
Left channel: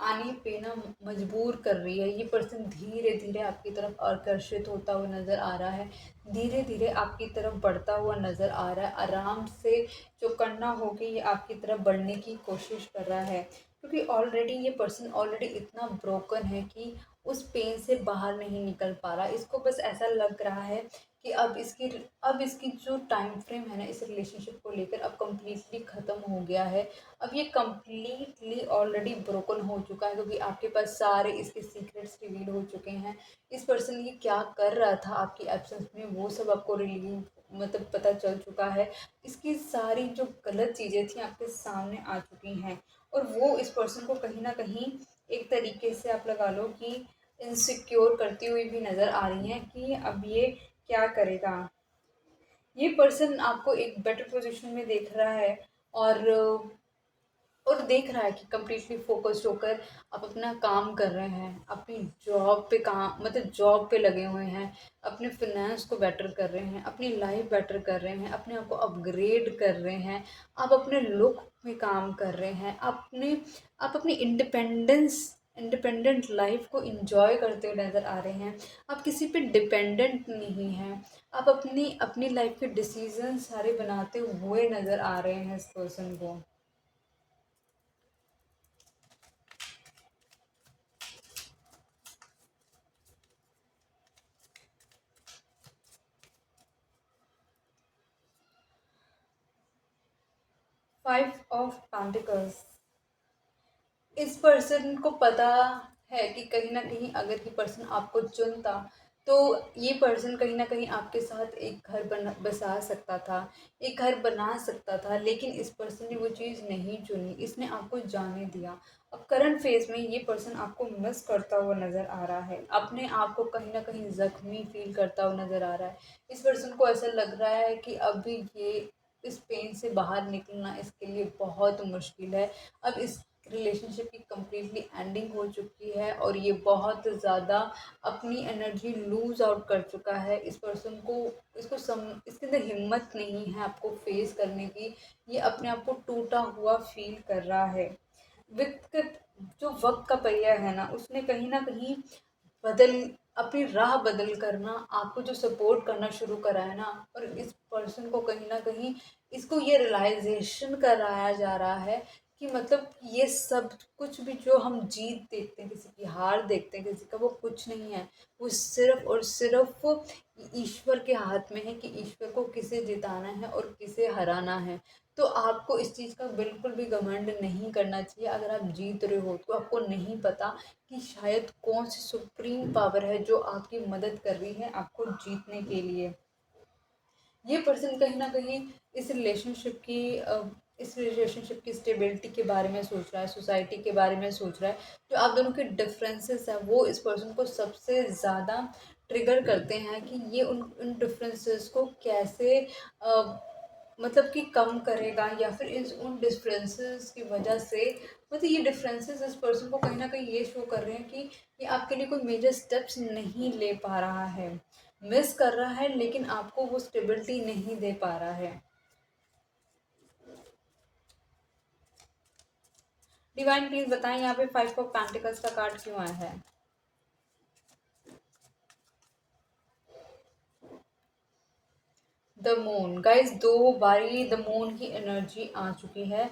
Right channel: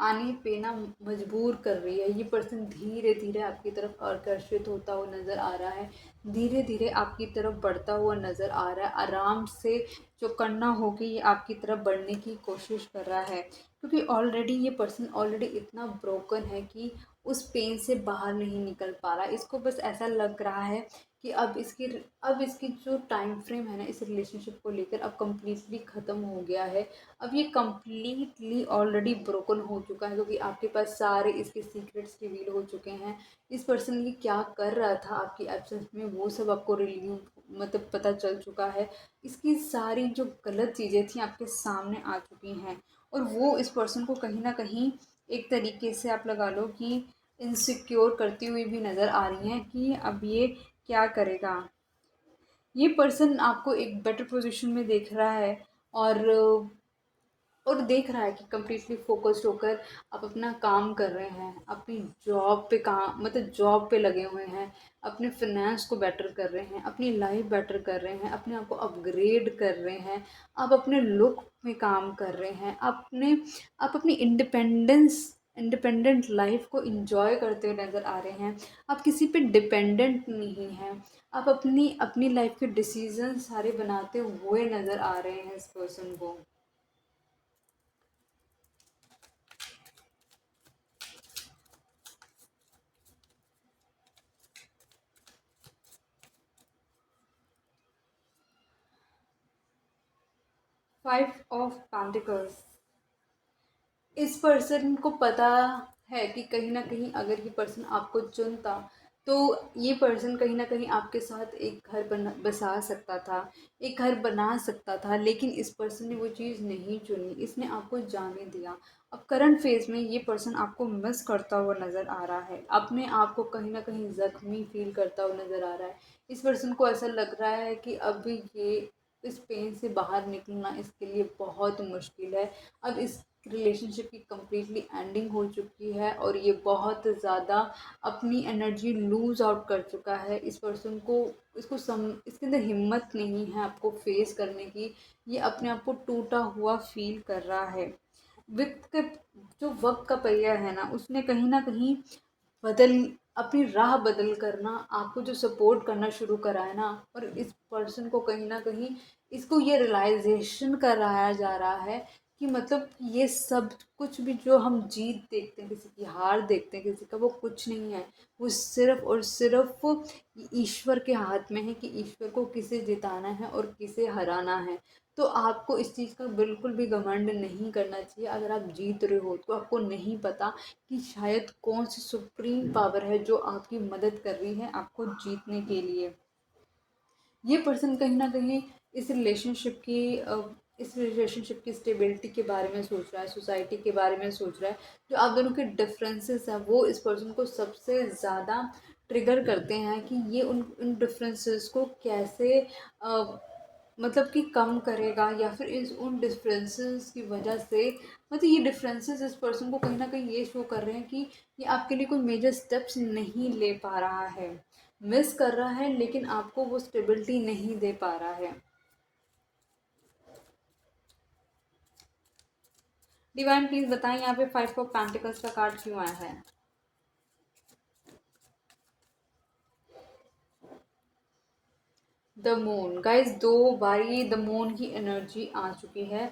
आने पे ना मजबूर कर रही है। ये पर्सन धीरे धीरे आपकी तरफ आकर्षित होता हुआ नज़र आ रहा है, धीरे धीरे आपकी तरफ बढ़ता हुआ नज़र आ रहा है। आराम से जो करना होगी ये आपकी तरफ बढ़ने की कोशिश कर रहा है, क्योंकि ऑलरेडी ये पर्सन ऑलरेडी इतना ब्रोकन है कि उस पेन से बाहर नहीं निकल पा रहा है। इसको बस ऐसा लग रहा है कि अब इसकी जो टाइम फ्रेम है ना इस रिलेशनशिप को लेकर अब कम्प्लीटली ख़त्म हो गया है। अब ये कम्प्लीटली ऑलरेडी ब्रोकन हो चुका है, क्योंकि आपके पास सारे इसके सीक्रेट्स रिवील हो चुके हैं। इस पर्सन ये क्या कर रहा था आपकी एब्सेंस में वो सब आपको रिलीव मतलब पता चल चुका है। इसकी सारी जो गलत चीज़ें थी आपके सामने आ चुकी हैं, और वो इस पर्सन को कहीं ना कहीं एक तरीके से आप लगा लो कि इनसिक्योर करती हुई भी नज़र आ रही हैं कि अब ये क्या करेगा। ये पर्सन आपको एक बेटर पोजीशन में देख रहा है, और देख रहा है कि कम्प्लीटली फोकस्ड होकर आप अपना काम कर रहे हैं, अपनी जॉब पे काम मतलब जॉब पे लगे हुए हैं, अपने फिनेंस को बेटर कर रहे हैं, अपनी लाइफ बेटर कर रहे हैं, अपने आप को अपग्रेड कर रहे हैं, आप अपने लुक में काम कर रहे हैं, आप अपनी इंडिपेंडेंट लाइफ को इंजॉय करते हुए नज़र आ रहे हैं। आप किसी पे डिपेंडेंट नहीं हैं, आप अपनी अपनी लाइफ के डिसीजन सारे बनाते हुए नज़र आ रहे हैं इस पर्सन को। 5 ऑफ पेंटिकल्स। इस पर्सन को पता है कि कहीं न कहीं अगर ये पर्सन आपको चुनता तो ये पर्सन कहीं न कहीं आपके साथ एक घर बसा सकता था, एक घर बना सकता था, लेकिन इस पर्सन ने वो चीज़ नहीं चुनी, इसने आपको जाने दिया। अब करंट फेज़ में ये पर्सन आपको मिस करता हुआ नज़र आ रहा है, अपने आप को कहीं न कहीं ज़ख्मी फ़ील करता हुआ नज़र आ रहा है। इस पर्सन को ऐसा लग रहा है कि अब ये इस पेन से बाहर निकलना इसके लिए बहुत मुश्किल है। अब इस रिलेशनशिप की कम्प्लीटली एंडिंग हो चुकी है और ये बहुत ज़्यादा अपनी एनर्जी लूज़ आउट कर चुका है। इस पर्सन को इसके अंदर हिम्मत नहीं है आपको फेस करने की। ये अपने आप को टूटा हुआ फील कर रहा है। वक्त के जो वक्त का पहिया है ना उसने कहीं ना कहीं बदल अपनी राह बदल कर ना आपको जो सपोर्ट करना शुरू करा है ना, और इस पर्सन को कहीं ना कहीं इसको ये रियलाइजेशन कराया जा रहा है कि मतलब ये सब कुछ भी जो हम जीत देखते हैं, किसी की हार देखते हैं किसी का, वो कुछ नहीं है। वो सिर्फ और सिर्फ ईश्वर के हाथ में है कि ईश्वर को किसे जिताना है और किसे हराना है। तो आपको इस चीज़ का बिल्कुल भी घमंड नहीं करना चाहिए। अगर आप जीत रहे हो तो आपको नहीं पता कि शायद कौन सी सुप्रीम पावर है जो आपकी मदद कर रही है आपको जीतने के लिए। ये पर्सन कहीं न कहीं इस रिलेशनशिप की स्टेबिलिटी के बारे में सोच रहा है, सोसाइटी के बारे में सोच रहा है। जो आप दोनों के डिफरेंसेस हैं वो इस पर्सन को सबसे ज़्यादा ट्रिगर करते हैं कि ये उन डिफरेंसेस को कैसे मतलब कि कम करेगा, या फिर इस उन डिफरेंसेस की वजह से मतलब ये डिफरेंसेस इस पर्सन को कहीं न कहीं ये शो कर रहे हैं कि ये आपके लिए कोई मेजर स्टेप्स नहीं ले पा रहा है, मिस कर रहा है, लेकिन आपको वो स्टेबिलिटी नहीं दे पा रहा है। डिवाइन प्लीज बताएं यहाँ पे 5 ऑफ पेंटिकल्स का कार्ड क्यों आया है। The moon. गाइस 2 बारी द मून की एनर्जी आ चुकी है।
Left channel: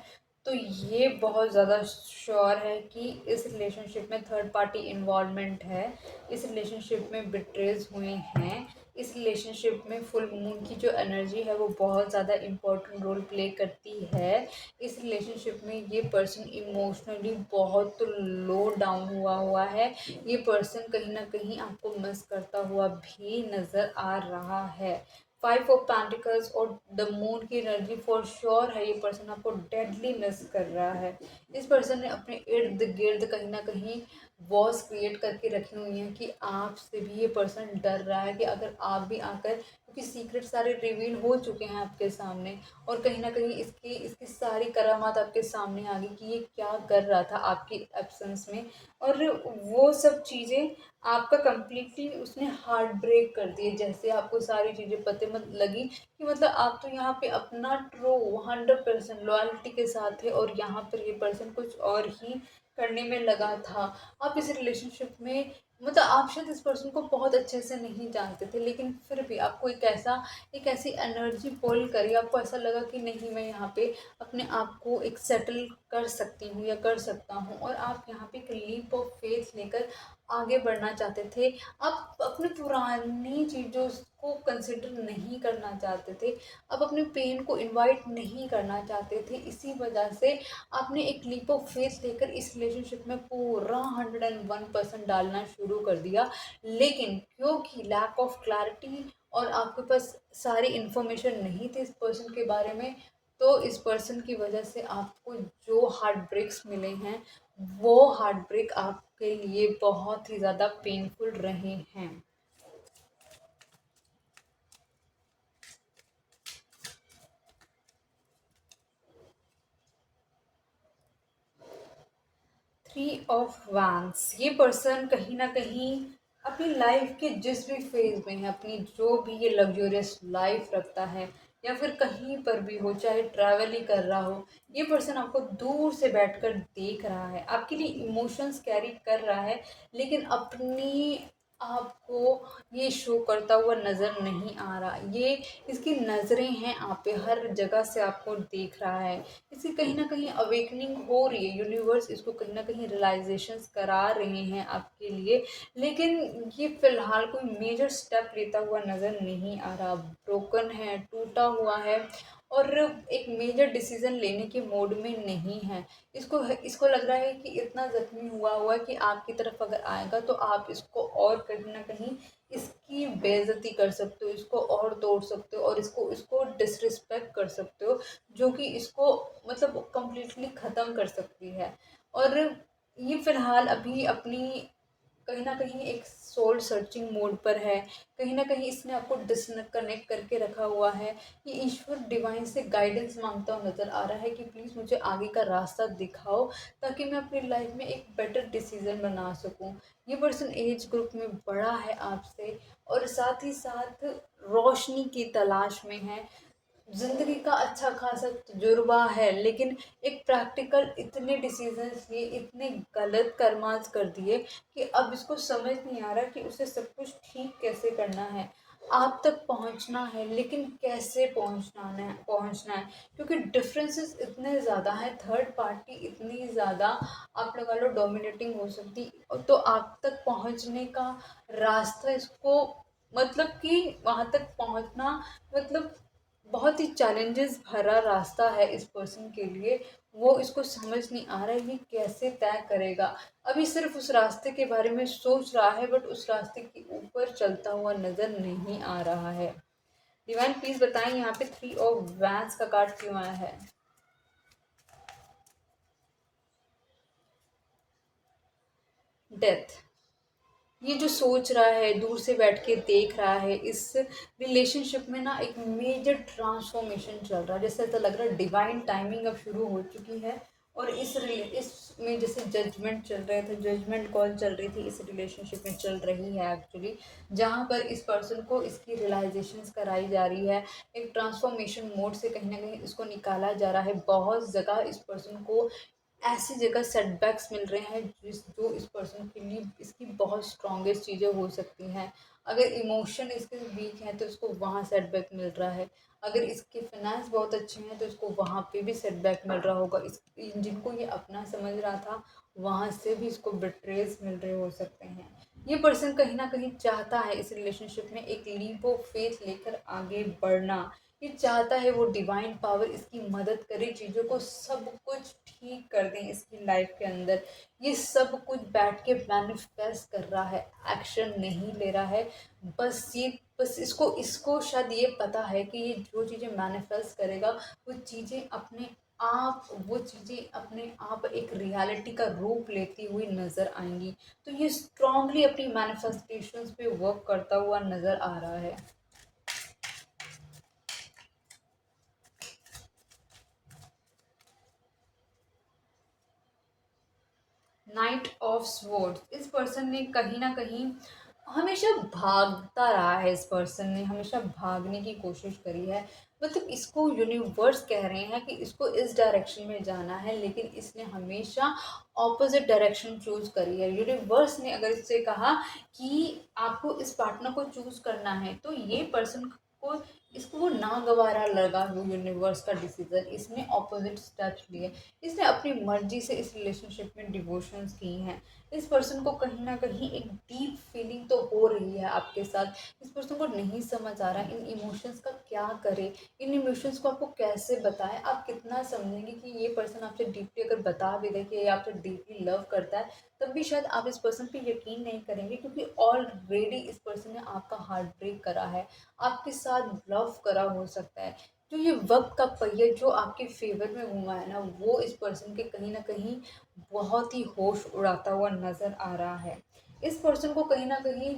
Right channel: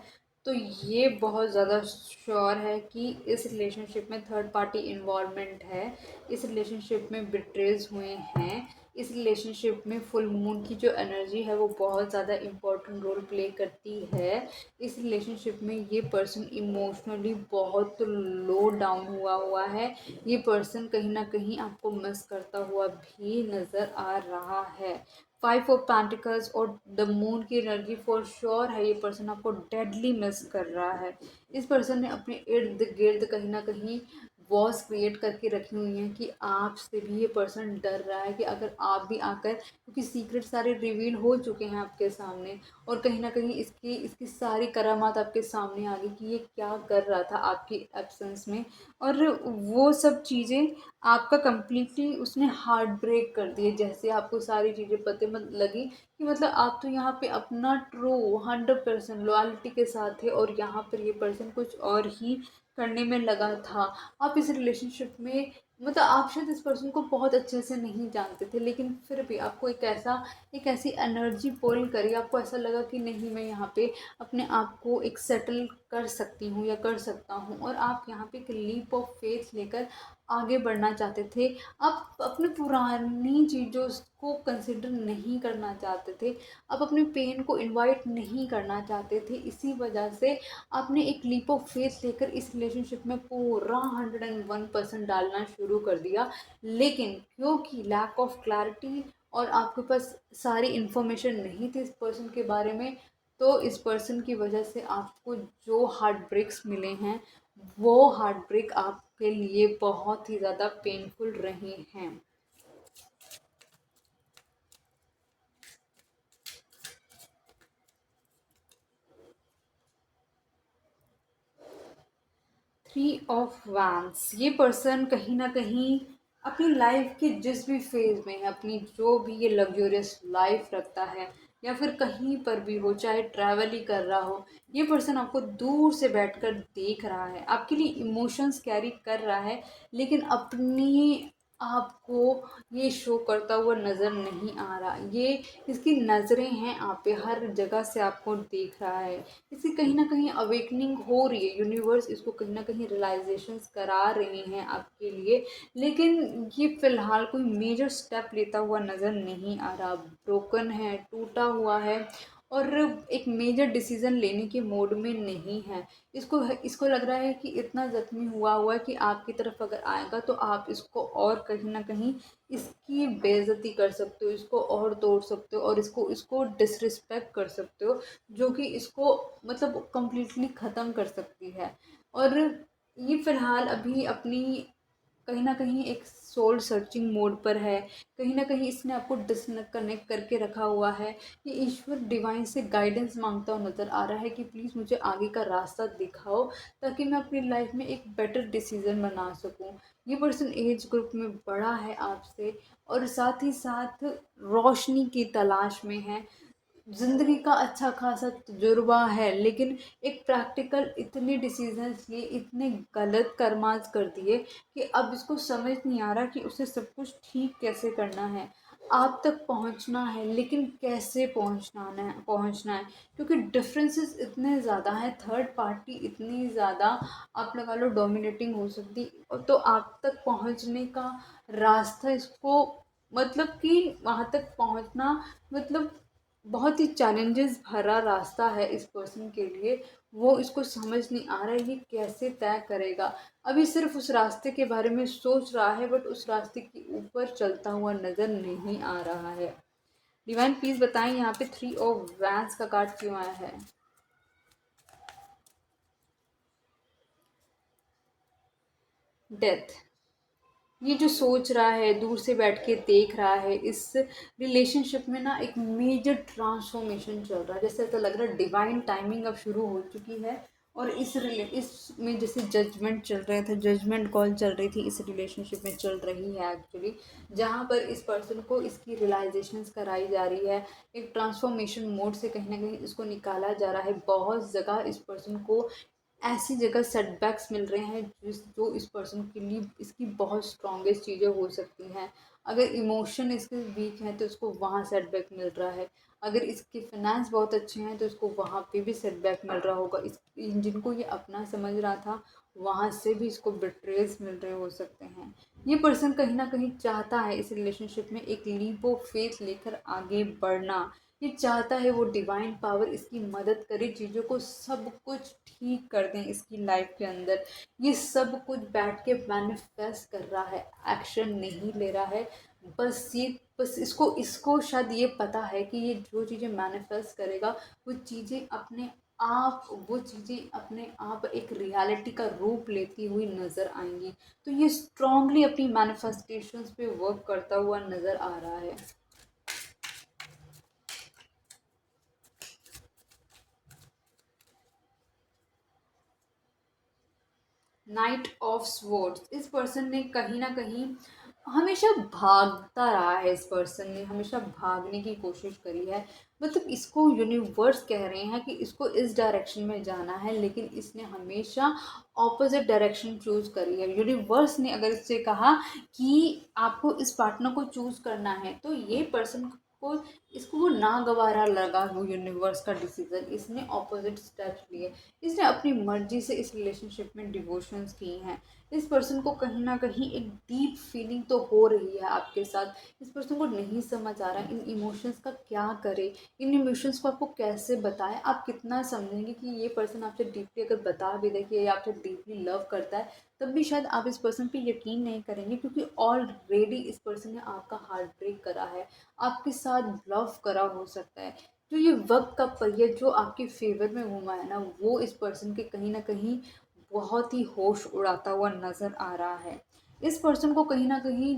तो ये बहुत ज़्यादा श्योर है कि इस रिलेशनशिप में थर्ड पार्टी इन्वॉल्वमेंट है, इस रिलेशनशिप में बिट्रेज हुए हैं, इस रिलेशनशिप में फुल मून की जो एनर्जी है वो बहुत ज़्यादा इम्पोर्टेंट रोल प्ले करती है। इस रिलेशनशिप में ये पर्सन इमोशनली बहुत लो डाउन हुआ है। ये पर्सन कहीं ना कहीं आपको मिस करता हुआ भी नज़र आ रहा है। 5 ऑफ पेंटिकल्स और द मून की एनर्जी फॉर श्योर है, ये पर्सन आपको डेडली मिस कर रहा है। इस पर्सन ने अपने इर्द गिर्द कहीं ना कहीं वॉल्स क्रिएट करके रखी हुई हैं कि आपसे भी ये पर्सन डर रहा है कि अगर आप भी आकर, क्योंकि सीक्रेट सारे रिवील हो चुके हैं आपके सामने, और कहीं ना कहीं इसकी इसकी सारी करामात आपके सामने आ गई कि ये क्या कर रहा था आपकी एब्सेंस में, और वो सब चीज़ें आपका कंप्लीटली उसने हार्ट ब्रेक कर दिए। जैसे आपको सारी चीज़ें पता मत लगी कि मतलब आप तो यहाँ पे अपना ट्रू 100% लॉयल्टी के साथ थे, और यहाँ पर ये पर्सन कुछ और ही करने में लगा था। आप इस रिलेशनशिप में मतलब आप शायद इस पर्सन को बहुत अच्छे से नहीं जानते थे, लेकिन फिर भी आपको एक ऐसी एनर्जी पुल करी, आपको ऐसा लगा कि नहीं, मैं यहाँ पे अपने आप को एक सेटल कर सकती हूँ या कर सकता हूँ, और आप यहाँ पे एक लीप ऑफ फेथ लेकर आगे बढ़ना चाहते थे। आप अपने पुरानी चीज़ों को कंसिडर नहीं करना चाहते थे, आप अपने पेन को इनवाइट नहीं करना चाहते थे। इसी वजह से आपने एक लीप ऑफ फेथ लेकर इस रिलेशनशिप में पूरा 101% डालना शुरू कर दिया। लेकिन क्योंकि लैक ऑफ क्लैरिटी और आपके पास सारी इन्फॉर्मेशन नहीं थी इस पर्सन के बारे में, तो इस पर्सन की वजह से आपको जो हार्ट ब्रेक्स मिले हैं वो हार्ट ब्रेक आपके लिए बहुत ही ज़्यादा पेनफुल रहे हैं। 3 ऑफ वैंस, ये पर्सन कहीं ना कहीं अपनी लाइफ के जिस भी फेज में है, अपनी जो भी ये लग्जरियस लाइफ रखता है या फिर कहीं पर भी हो, चाहे ट्रैवल ही कर रहा हो, ये पर्सन आपको दूर से बैठकर देख रहा है, आपके लिए इमोशंस कैरी कर रहा है, लेकिन अपनी आपको ये शो करता हुआ नज़र नहीं आ रहा। ये इसकी नज़रें हैं आप पे, हर जगह से आपको देख रहा है। इसकी कहीं ना कहीं अवेकनिंग हो रही है, यूनिवर्स इसको कहीं ना कहीं रियलाइजेशंस करा रहे हैं आपके लिए, लेकिन ये फ़िलहाल कोई मेजर स्टेप लेता हुआ नज़र नहीं आ रहा। ब्रोकन है, टूटा हुआ है, और एक मेजर डिसीज़न लेने के मोड में नहीं है। इसको इसको लग रहा है कि इतना ज़ख्मी हुआ है कि आपकी तरफ अगर आएगा तो आप इसको और कहीं ना कहीं इसकी बेइज्जती कर सकते हो, इसको और तोड़ सकते हो, और इसको इसको डिसरिस्पेक्ट कर सकते हो, जो कि इसको मतलब कम्प्लीटली ख़त्म कर सकती है। और ये फ़िलहाल अभी अपनी कहीं न कहीं एक सोल सर्चिंग मोड पर है। कहीं न कहीं इसने आपको डिसकनेक्ट करके रखा हुआ है। ये ईश्वर डिवाइन से गाइडेंस माँगता हुआ नज़र आ रहा है कि प्लीज़ मुझे आगे का रास्ता दिखाओ, ताकि मैं अपनी लाइफ़ में एक बेटर डिसीज़न बना सकूँ। ये पर्सन एज ग्रुप में बड़ा है आपसे, और साथ ही साथ रोशनी की तलाश में है। ज़िंदगी का अच्छा खासा तजुर्बा है, लेकिन एक प्रैक्टिकल इतने डिसीजंस लिए, इतने गलत कर्मास कर दिए कि अब इसको समझ नहीं आ रहा कि उसे सब कुछ ठीक कैसे करना है। आप तक पहुंचना है, लेकिन कैसे पहुंचना है, क्योंकि डिफरेंसेस इतने ज़्यादा हैं, थर्ड पार्टी इतनी ज़्यादा आप लगा लो डोमिनेटिंग हो सकती, और तो आप तक पहुंचने का रास्ता इसको मतलब कि वहाँ तक पहुंचना मतलब बहुत ही चैलेंजेस भरा रास्ता है इस पर्सन के लिए। वो इसको समझ नहीं आ रहा है ये कैसे तय करेगा। अभी सिर्फ उस रास्ते के बारे में सोच रहा है, बट उस रास्ते के ऊपर चलता हुआ नज़र नहीं आ रहा है। डिवाइन प्लीज़ बताएं यहाँ पे 3 ऑफ वैंस का कार्ड क्यों आया है। डेथ, ये जो सोच रहा है, दूर से बैठ के देख रहा है, इस रिलेशनशिप में ना एक मेजर ट्रांसफॉर्मेशन चल रहा है। जैसे ऐसा लग रहा है डिवाइन टाइमिंग अब शुरू हो चुकी है, और इसमें जैसे जजमेंट चल रहे थे, जजमेंट कॉल चल रही थी, इस रिलेशनशिप में चल रही है एक्चुअली, जहाँ पर इस पर्सन को इसकी रियलाइजेशंस कराई जा रही है। एक ट्रांसफॉर्मेशन मोड से कहीं ना कहीं इसको निकाला जा रहा है। बहुत जगह इस पर्सन को ऐसी जगह सेटबैक्स मिल रहे हैं जो इस पर्सन के लिए इसकी बहुत स्ट्रॉन्गेस्ट चीज़ें हो सकती हैं। अगर इमोशन इसके वीक हैं तो उसको वहाँ सेटबैक मिल रहा है। अगर इसके फाइनेंस बहुत अच्छे हैं तो इसको वहाँ पे भी सेटबैक मिल रहा होगा। इस जिनको ये अपना समझ रहा था वहाँ से भी इसको बिट्रेज मिल रहे हो सकते हैं। ये पर्सन कहीं ना कहीं चाहता है इस रिलेशनशिप में एक लीप ऑफ फेथ लेकर आगे बढ़ना। ये चाहता है वो डिवाइन पावर इसकी मदद करे, चीज़ों को सब कुछ ठीक कर दें इसकी लाइफ के अंदर। ये सब कुछ बैठ के मैनिफेस्ट कर रहा है, एक्शन नहीं ले रहा है। बस इसको इसको शायद ये पता है कि ये जो चीज़ें मैनिफेस्ट करेगा वो चीज़ें अपने आप एक रियलिटी का रूप लेती हुई नज़र आएंगी। तो ये स्ट्रांगली अपनी मैनिफेस्टेशंस पे वर्क करता हुआ नज़र आ रहा है। नाइट ऑफ स्वॉर्ड्स, इस पर्सन ने कहीं ना कहीं हमेशा भागता रहा है। इस पर्सन ने हमेशा भागने की कोशिश करी है। मतलब इसको यूनिवर्स कह रहे हैं कि इसको इस डायरेक्शन में जाना है, लेकिन इसने हमेशा ऑपोजिट डायरेक्शन चूज करी है। यूनिवर्स ने अगर इससे कहा कि आपको इस पार्टनर को चूज करना है तो ये पर्सन को इसको वो नागवारा लगा वो यूनिवर्स का डिसीजन। इसने ऑपोजिट स्टेप्स लिए, इसने अपनी मर्जी से इस रिलेशनशिप में डिवोशंस की हैं। इस पर्सन को कहीं ना कहीं एक डीप फीलिंग तो हो रही है आपके साथ। इस पर्सन को नहीं समझ आ रहा इन इमोशंस का क्या करे, इन इमोशंस को आपको कैसे बताएं, आप कितना समझेंगे कि ये पर्सन आपसे डीपली अगर बता भी दे कि ये आपसे डीपली लव करता है, तब भी शायद आप इस पर्सन पे यकीन नहीं करेंगे, क्योंकि ऑलरेडी इस पर्सन ने आपका हार्ट ब्रेक करा है, आपके साथ लव करा हो सकता है। तो ये वक्त का पहिया जो आपके फेवर में घूमा है ना, वो इस पर्सन के कहीं ना कहीं बहुत ही होश उड़ाता हुआ नज़र आ रहा है। इस पर्सन को कहीं ना कहीं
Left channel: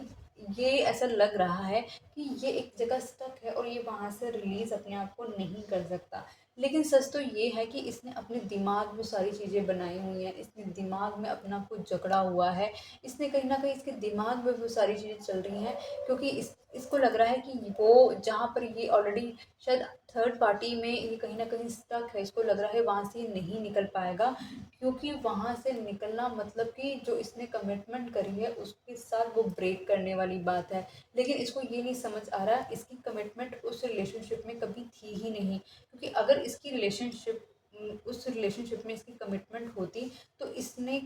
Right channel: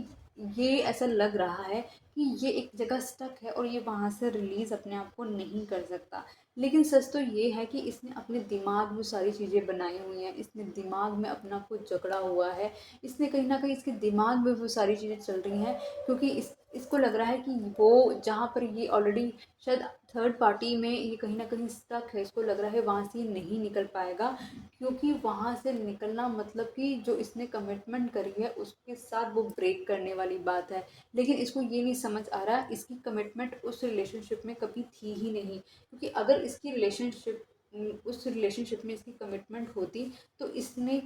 ये ऐसा लग रहा है कि ये एक जगह स्टक है और ये वहाँ से रिलीज़ अपने आप को नहीं कर सकता। लेकिन सच तो ये है कि इसने अपने दिमाग में सारी चीज़ें बनाई हुई हैं, इसने दिमाग में अपना कुछ जकड़ा हुआ है। इसने कहीं ना कहीं इसके दिमाग में वो सारी चीज़ें चल रही हैं, क्योंकि इसको लग रहा है कि वो जहाँ पर ये ऑलरेडी शायद थर्ड पार्टी में ये कहीं ना कहीं स्टक है, इसको लग रहा है वहाँ से ये नहीं निकल पाएगा, क्योंकि वहाँ से निकलना मतलब कि जो इसने कमिटमेंट करी है उसके साथ वो ब्रेक करने वाली बात है। लेकिन इसको ये नहीं समझ आ रहा इसकी कमिटमेंट उस रिलेशनशिप में कभी थी ही नहीं, क्योंकि अगर इसकी रिलेशनशिप उस रिलेशनशिप में इसकी कमिटमेंट होती तो इसने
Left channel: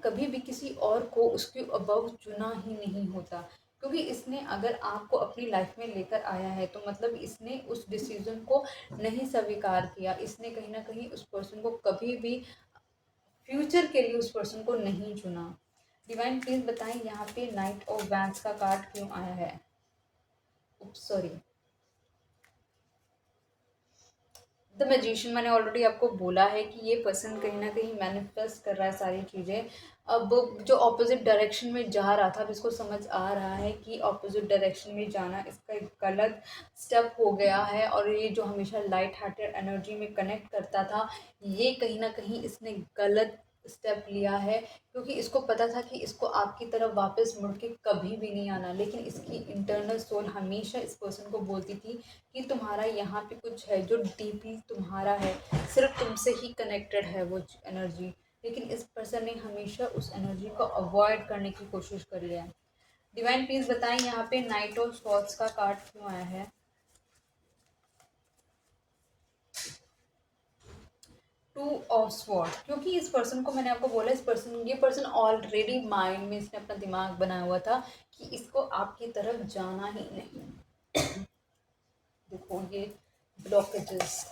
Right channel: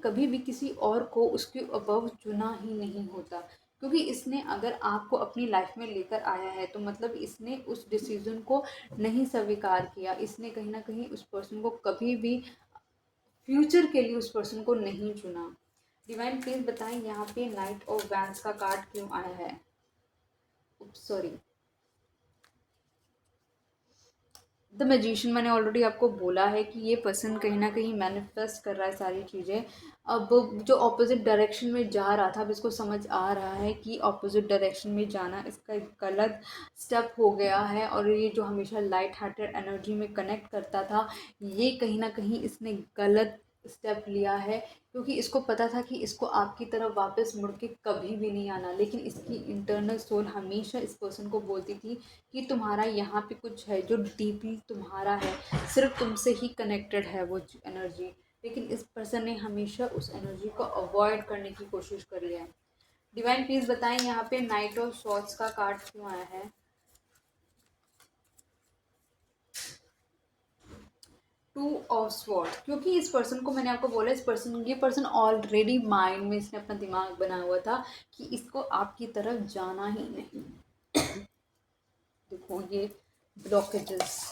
कभी भी किसी और को उसके अबव चुना ही नहीं होता। क्योंकि इसने अगर आपको अपनी लाइफ में लेकर आया है तो मतलब इसने उस डिसीजन को नहीं स्वीकार किया, इसने कहीं ना कहीं उस पर्सन को कभी भी फ्यूचर के लिए उस पर्सन को नहीं चुना। डिवाइन प्लीज बताएं यहाँ पे नाइट ऑफ वैंड्स का कार्ड क्यों आया है। सॉरी, द मैजिशियन, मैंने ऑलरेडी आपको बोला है कि ये पर्सन कहीं ना कहीं मैनिफेस्ट कर रहा है सारी चीज़ें। अब जो ऑपोजिट डायरेक्शन में जा रहा था, अब इसको समझ आ रहा है कि ऑपोजिट डायरेक्शन में जाना इसका एक गलत स्टेप हो गया है, और ये जो हमेशा लाइट हार्टेड एनर्जी में कनेक्ट करता था, ये कहीं ना कहीं इसने गलत स्टेप लिया है। क्योंकि इसको पता था कि इसको आपकी तरफ वापस मुड़ के कभी भी नहीं आना, लेकिन इसकी इंटरनल सोल हमेशा इस पर्सन को बोलती थी कि तुम्हारा यहाँ पे कुछ है जो डीपली तुम्हारा है, सिर्फ तुमसे ही कनेक्टेड है वो एनर्जी। लेकिन इस पर्सन ने हमेशा उस एनर्जी को अवॉइड करने की कोशिश करी है। डिवाइन प्लीज बताएं यहाँ पे नाइट ऑफ सॉर्ड्स का कार्ड क्यों आया है। टू ऑफ स्वॉर्ड, क्योंकि इस पर्सन को मैंने आपको बोला ये पर्सन ऑलरेडी माइंड में इसने अपना दिमाग बनाया हुआ था कि इसको आपकी तरफ जाना ही नहीं। देखो ये ब्लॉकेजेस,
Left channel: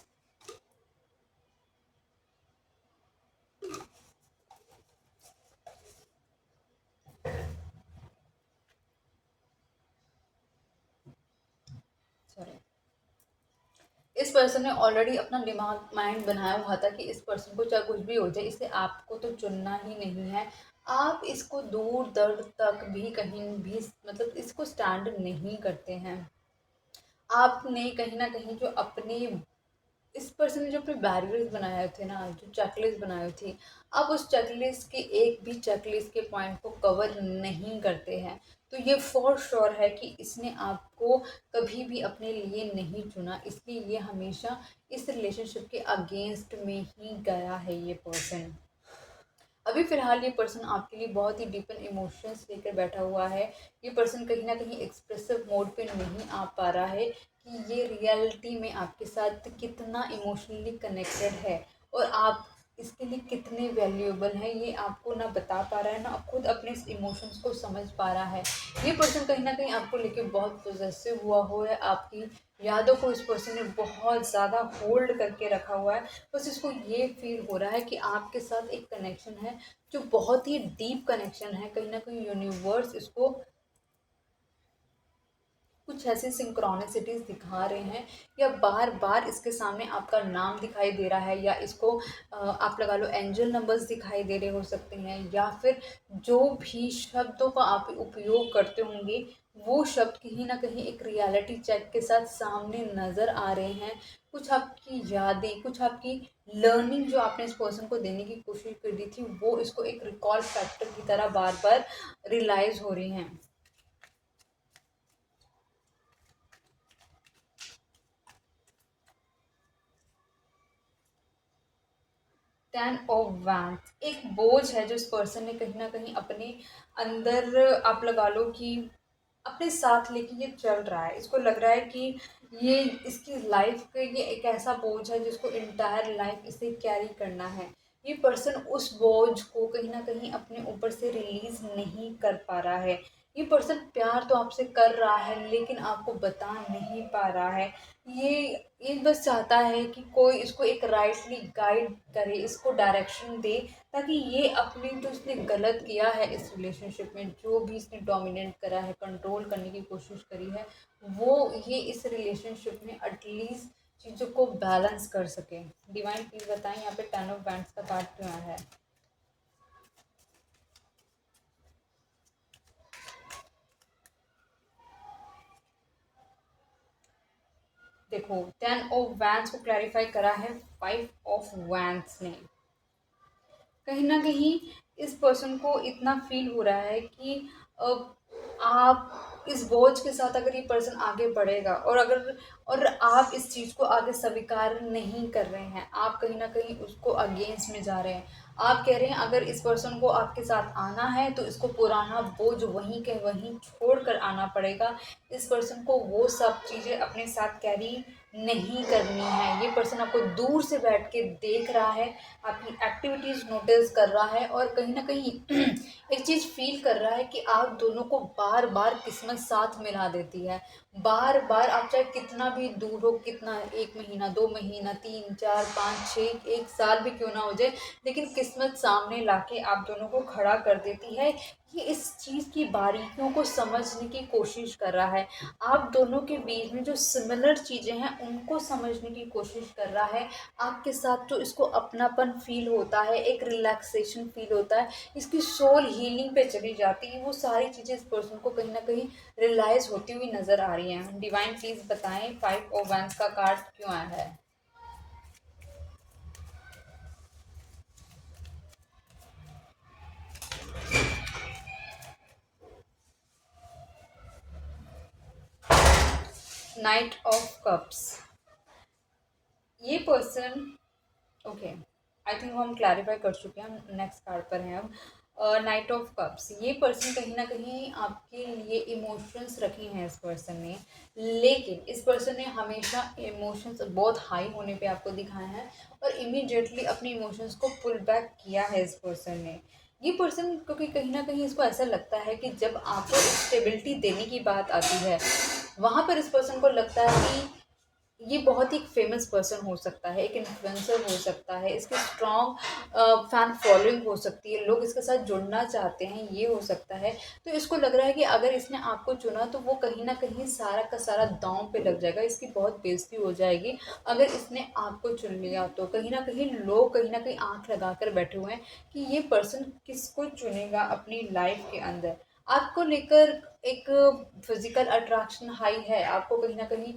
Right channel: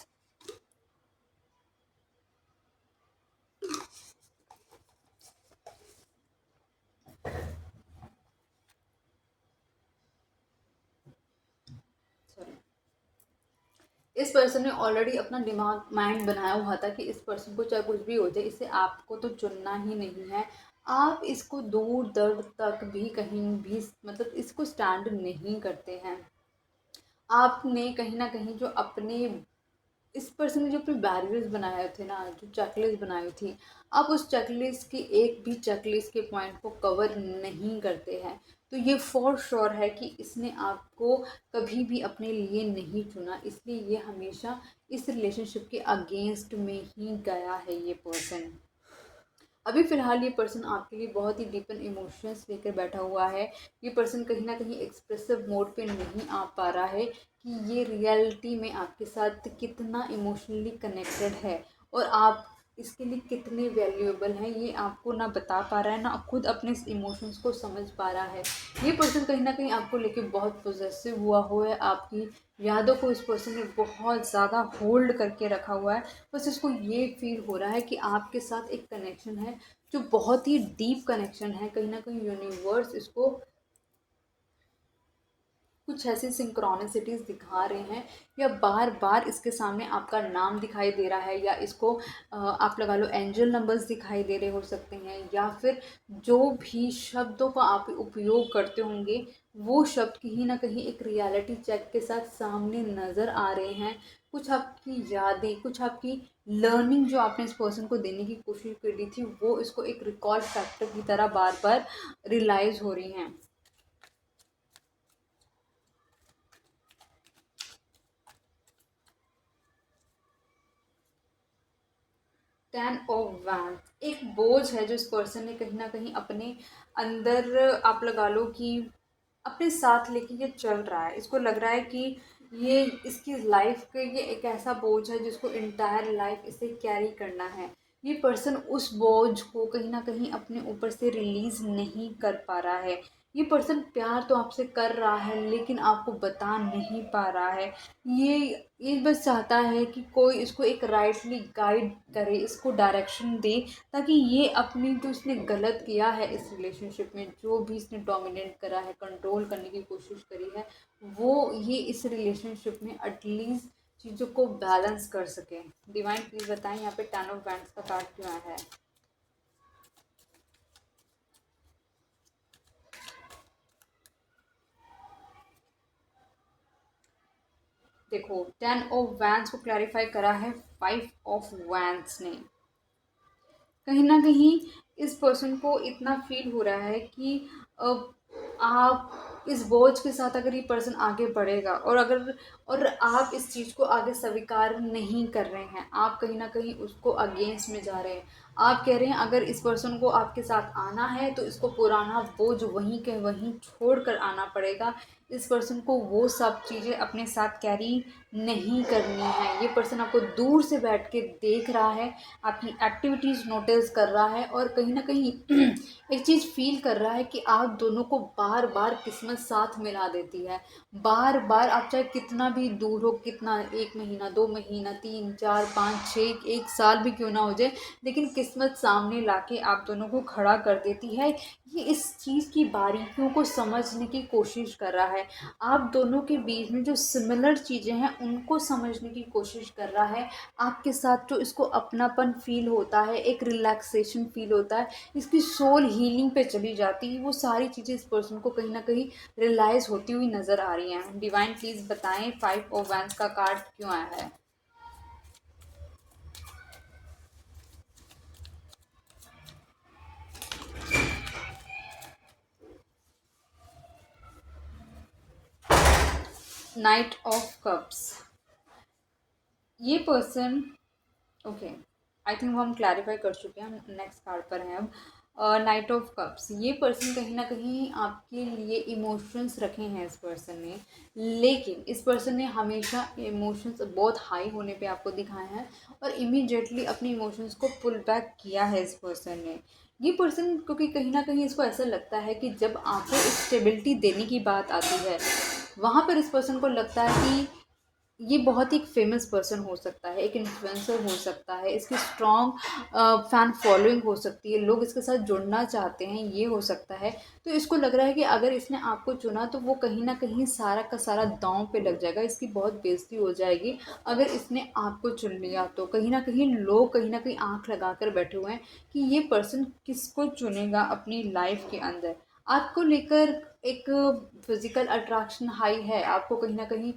सॉरी, इस पर्सन ने ऑलरेडी अपना दिमाग माइंड बनाया हुआ था कि इस पर्सन को चाहे कुछ भी हो जाए, इसे आपको तो चुनना ही नहीं है। आप इसको दूर दर तक भी कहीं भी मतलब इसको स्टैंड नहीं करते हैं। आपने कहीं ना कहीं जो अपने इस पर्सन ने जो अपने बैरियर्स बनाए थे ना, जो चेकलिस्ट बनाई थी, आप उस चेकलिस्ट के एक भी चेकलिस्ट के पॉइंट को कवर नहीं करते हैं। तो ये फॉर श्योर है कि इसने आपको कभी भी अपने लिए नहीं चुना, इसलिए ये हमेशा इस रिलेशनशिप के अगेंस्ट में ही गया है ये पर्सन। अभी फ़िलहाल ये पर्सन आपके लिए बहुत ही डीपन इमोशंस लेकर बैठा हुआ है। ये पर्सन कहीं न कहीं एक्सप्रेसिव मोड पे नहीं आ पा रहा है कि ये रियलिटी में आपके साथ कितना इमोशनली कनेक्टेड है और आप इसके लिए कितने वैल्यूएबल हैं, ये आपको ना बता पा रहा है, ना खुद अपने इस इमोशंस को समझ पा रहा है। ये पर्सन कहीं न कहीं आपको लेके बहुत पॉसेसिव हुआ है, आपकी यादों को इस पर्सन ने बहुत ज़्यादा होल्ड करके रखा हुआ है। बस इसको ये फ़ील हो रहा है कि आपके साथ एक कनेक्शन है जो बहुत ही डीप कनेक्शन है। कहीं न कहीं यूनिवर्स इसको कुछ ऐसी सिंक्रोनिसिटीज़ दिखा रहे हैं या बार-बार इसके सामने आपका नाम दिखाई दे रहा है या इसको आप लगा लो एंजल नंबर्स दिखाई दे रहे हो सकते हैं या फिर जो भी शब्दों का आप उपयोग करते होंगे वो शब्द कहीं न कहीं एक रियलिटी चेक के साथ सामने नज़र आ रहे हैं। कुछ आपकी यादें, कुछ आपकी लर्निंग जो आपने इस पर्सन को देने की कोशिश करी थी वो इसको एक रिकॉल फैक्टर की तरह बार-बार रियलाइज़ हो रही हैं। 10 ऑफ वैंड्स एक बोझ है जो इस पर्सन ने कहीं न कहीं अपने अंदर आप लगा लो कि अपने साथ लेके ये चल रहा है। इसको लग रहा है कि ये इसकी लाइफ़ का ये एक ऐसा बोझ है जिसको एंटायर लाइफ़ इसे कैरी करना है। ये पर्सन उस बोझ को कहीं न कहीं अपने ऊपर से रिलीज़ नहीं कर पा रहा है। ये पर्सन प्यार तो आपसे कर रहा है लेकिन आपको बता नहीं पा रहा है। ये ये बस चाहता है कि कोई इसको एक राइटली गाइड करे, इसको डायरेक्शन दे ताकि ये अपनी जो इसने गलत किया है इस रिलेशनशिप में, जो भी इसने डोमिनेट करा है, कंट्रोल करने की कोशिश करी है, वो ये इस रिलेशनशिप में एटलीस्ट चीज़ों को बैलेंस कर सके। डिवाइन प्लीज़ बताएं यहाँ पे 10 ऑफ वैंड्स का कार्ड क्यों आया है? देखो 10 ऑफ वैंड्स को क्लैरिफाई करा है 5 ऑफ वैंड्स ने। कहीं न कहीं इस पर्सन को इतना फ़ील हो रहा है कि अ, आप इस बोझ के साथ अगर ये पर्सन आगे बढ़ेगा और आप इस चीज़ को आगे स्वीकार नहीं कर रहे हैं, आप कहीं न कहीं उसको अगेंस्ट में जा रहे हैं। आप कह रहे हैं अगर इस पर्सन को आपके साथ आना है तो इसको पुराना बोझ वहीं के वहीं छोड़ कर आना पड़ेगा। इस पर्सन को वो सब चीज़ें अपने साथ कैरी नहीं करनी है। ये पर्सन आपको दूर से बैठ के देख रहा है, आपकी एक्टिविटीज़ नोटिस कर रहा है और कहीं न कहीं एक चीज़ फ़ील कर रहा है कि आप दोनों को बार-बार किस्मत साथ मिला देती है। बार-बार आप चाहे कितना भी दूर हो, कितना 1 महीना, 2 महीना, 3, 4, 5, 6, 1 साल भी क्यों ना हो जाए, लेकिन किस्मत सामने लाके आप दोनों को खड़ा कर देती है। ये इस चीज़ की बारीकियों को समझने की कोशिश कर रहा है। आप दोनों के बीच में जो सिमिलर चीज़ें हैं, उनको समझने की कोशिश कर रहा है। आपके साथ जो इसको अपनापन फ़ील होता है, एक रिलैक्सेशन फ़ील होता है, इसकी सोल हीलिंग पे चली जाती है, वो सारी चीज़ें इस पर्सन को कहीं न कहीं रियलाइज़ होती हुई नज़र आ रही हैं। डिवाइन प्लीज़ बताएँ 5 ऑफ वैंड्स का कार्ड क्यों आया है? नाइट ऑफ कप्स ये पर्सन ओके आई थिंक वो हम क्लैरिफाई कर चुके हैं, हम नेक्स्ट कार्ड पर हैं अब। नाइट ऑफ कप्स ये पर्सन कहीं ना कहीं आपके लिए इमोशंस रखे हैं इस पर्सन ने, लेकिन इस पर्सन ने हमेशा इमोशंस बहुत हाई होने पे आपको दिखाए हैं और इमीडिएटली अपने इमोशंस को पुल बैक किया है इस पर्सन ने। ये पर्सन क्योंकि कहीं ना कहीं इसको ऐसा लगता है कि जब आपको स्टेबिलिटी देने की बात आती है वहाँ पर इस पर्सन को लगता है कि ये बहुत ही एक फेमस पर्सन हो सकता है, एक इन्फ्लुएंसर हो सकता है, इसकी स्ट्रॉन्ग फैन फॉलोइंग हो सकती है, लोग इसके साथ जुड़ना चाहते हैं, ये हो सकता है। तो इसको लग रहा है कि अगर इसने आपको चुना तो वो कहीं न कहीं सारा का सारा दाँव पे लग जाएगा, इसकी बहुत बेइज़्ज़ती हो जाएगी। अगर इसने आपको चुन लिया तो कहीं न कहीं लोग कहीं न कहीं आँख लगा कर बैठे हुए हैं कि ये पर्सन किसको चुनेगा अपनी लाइफ़ के अंदर। आपको लेकर एक फिज़िकल अट्रैक्शन हाई है, आपको कहीं न कहीं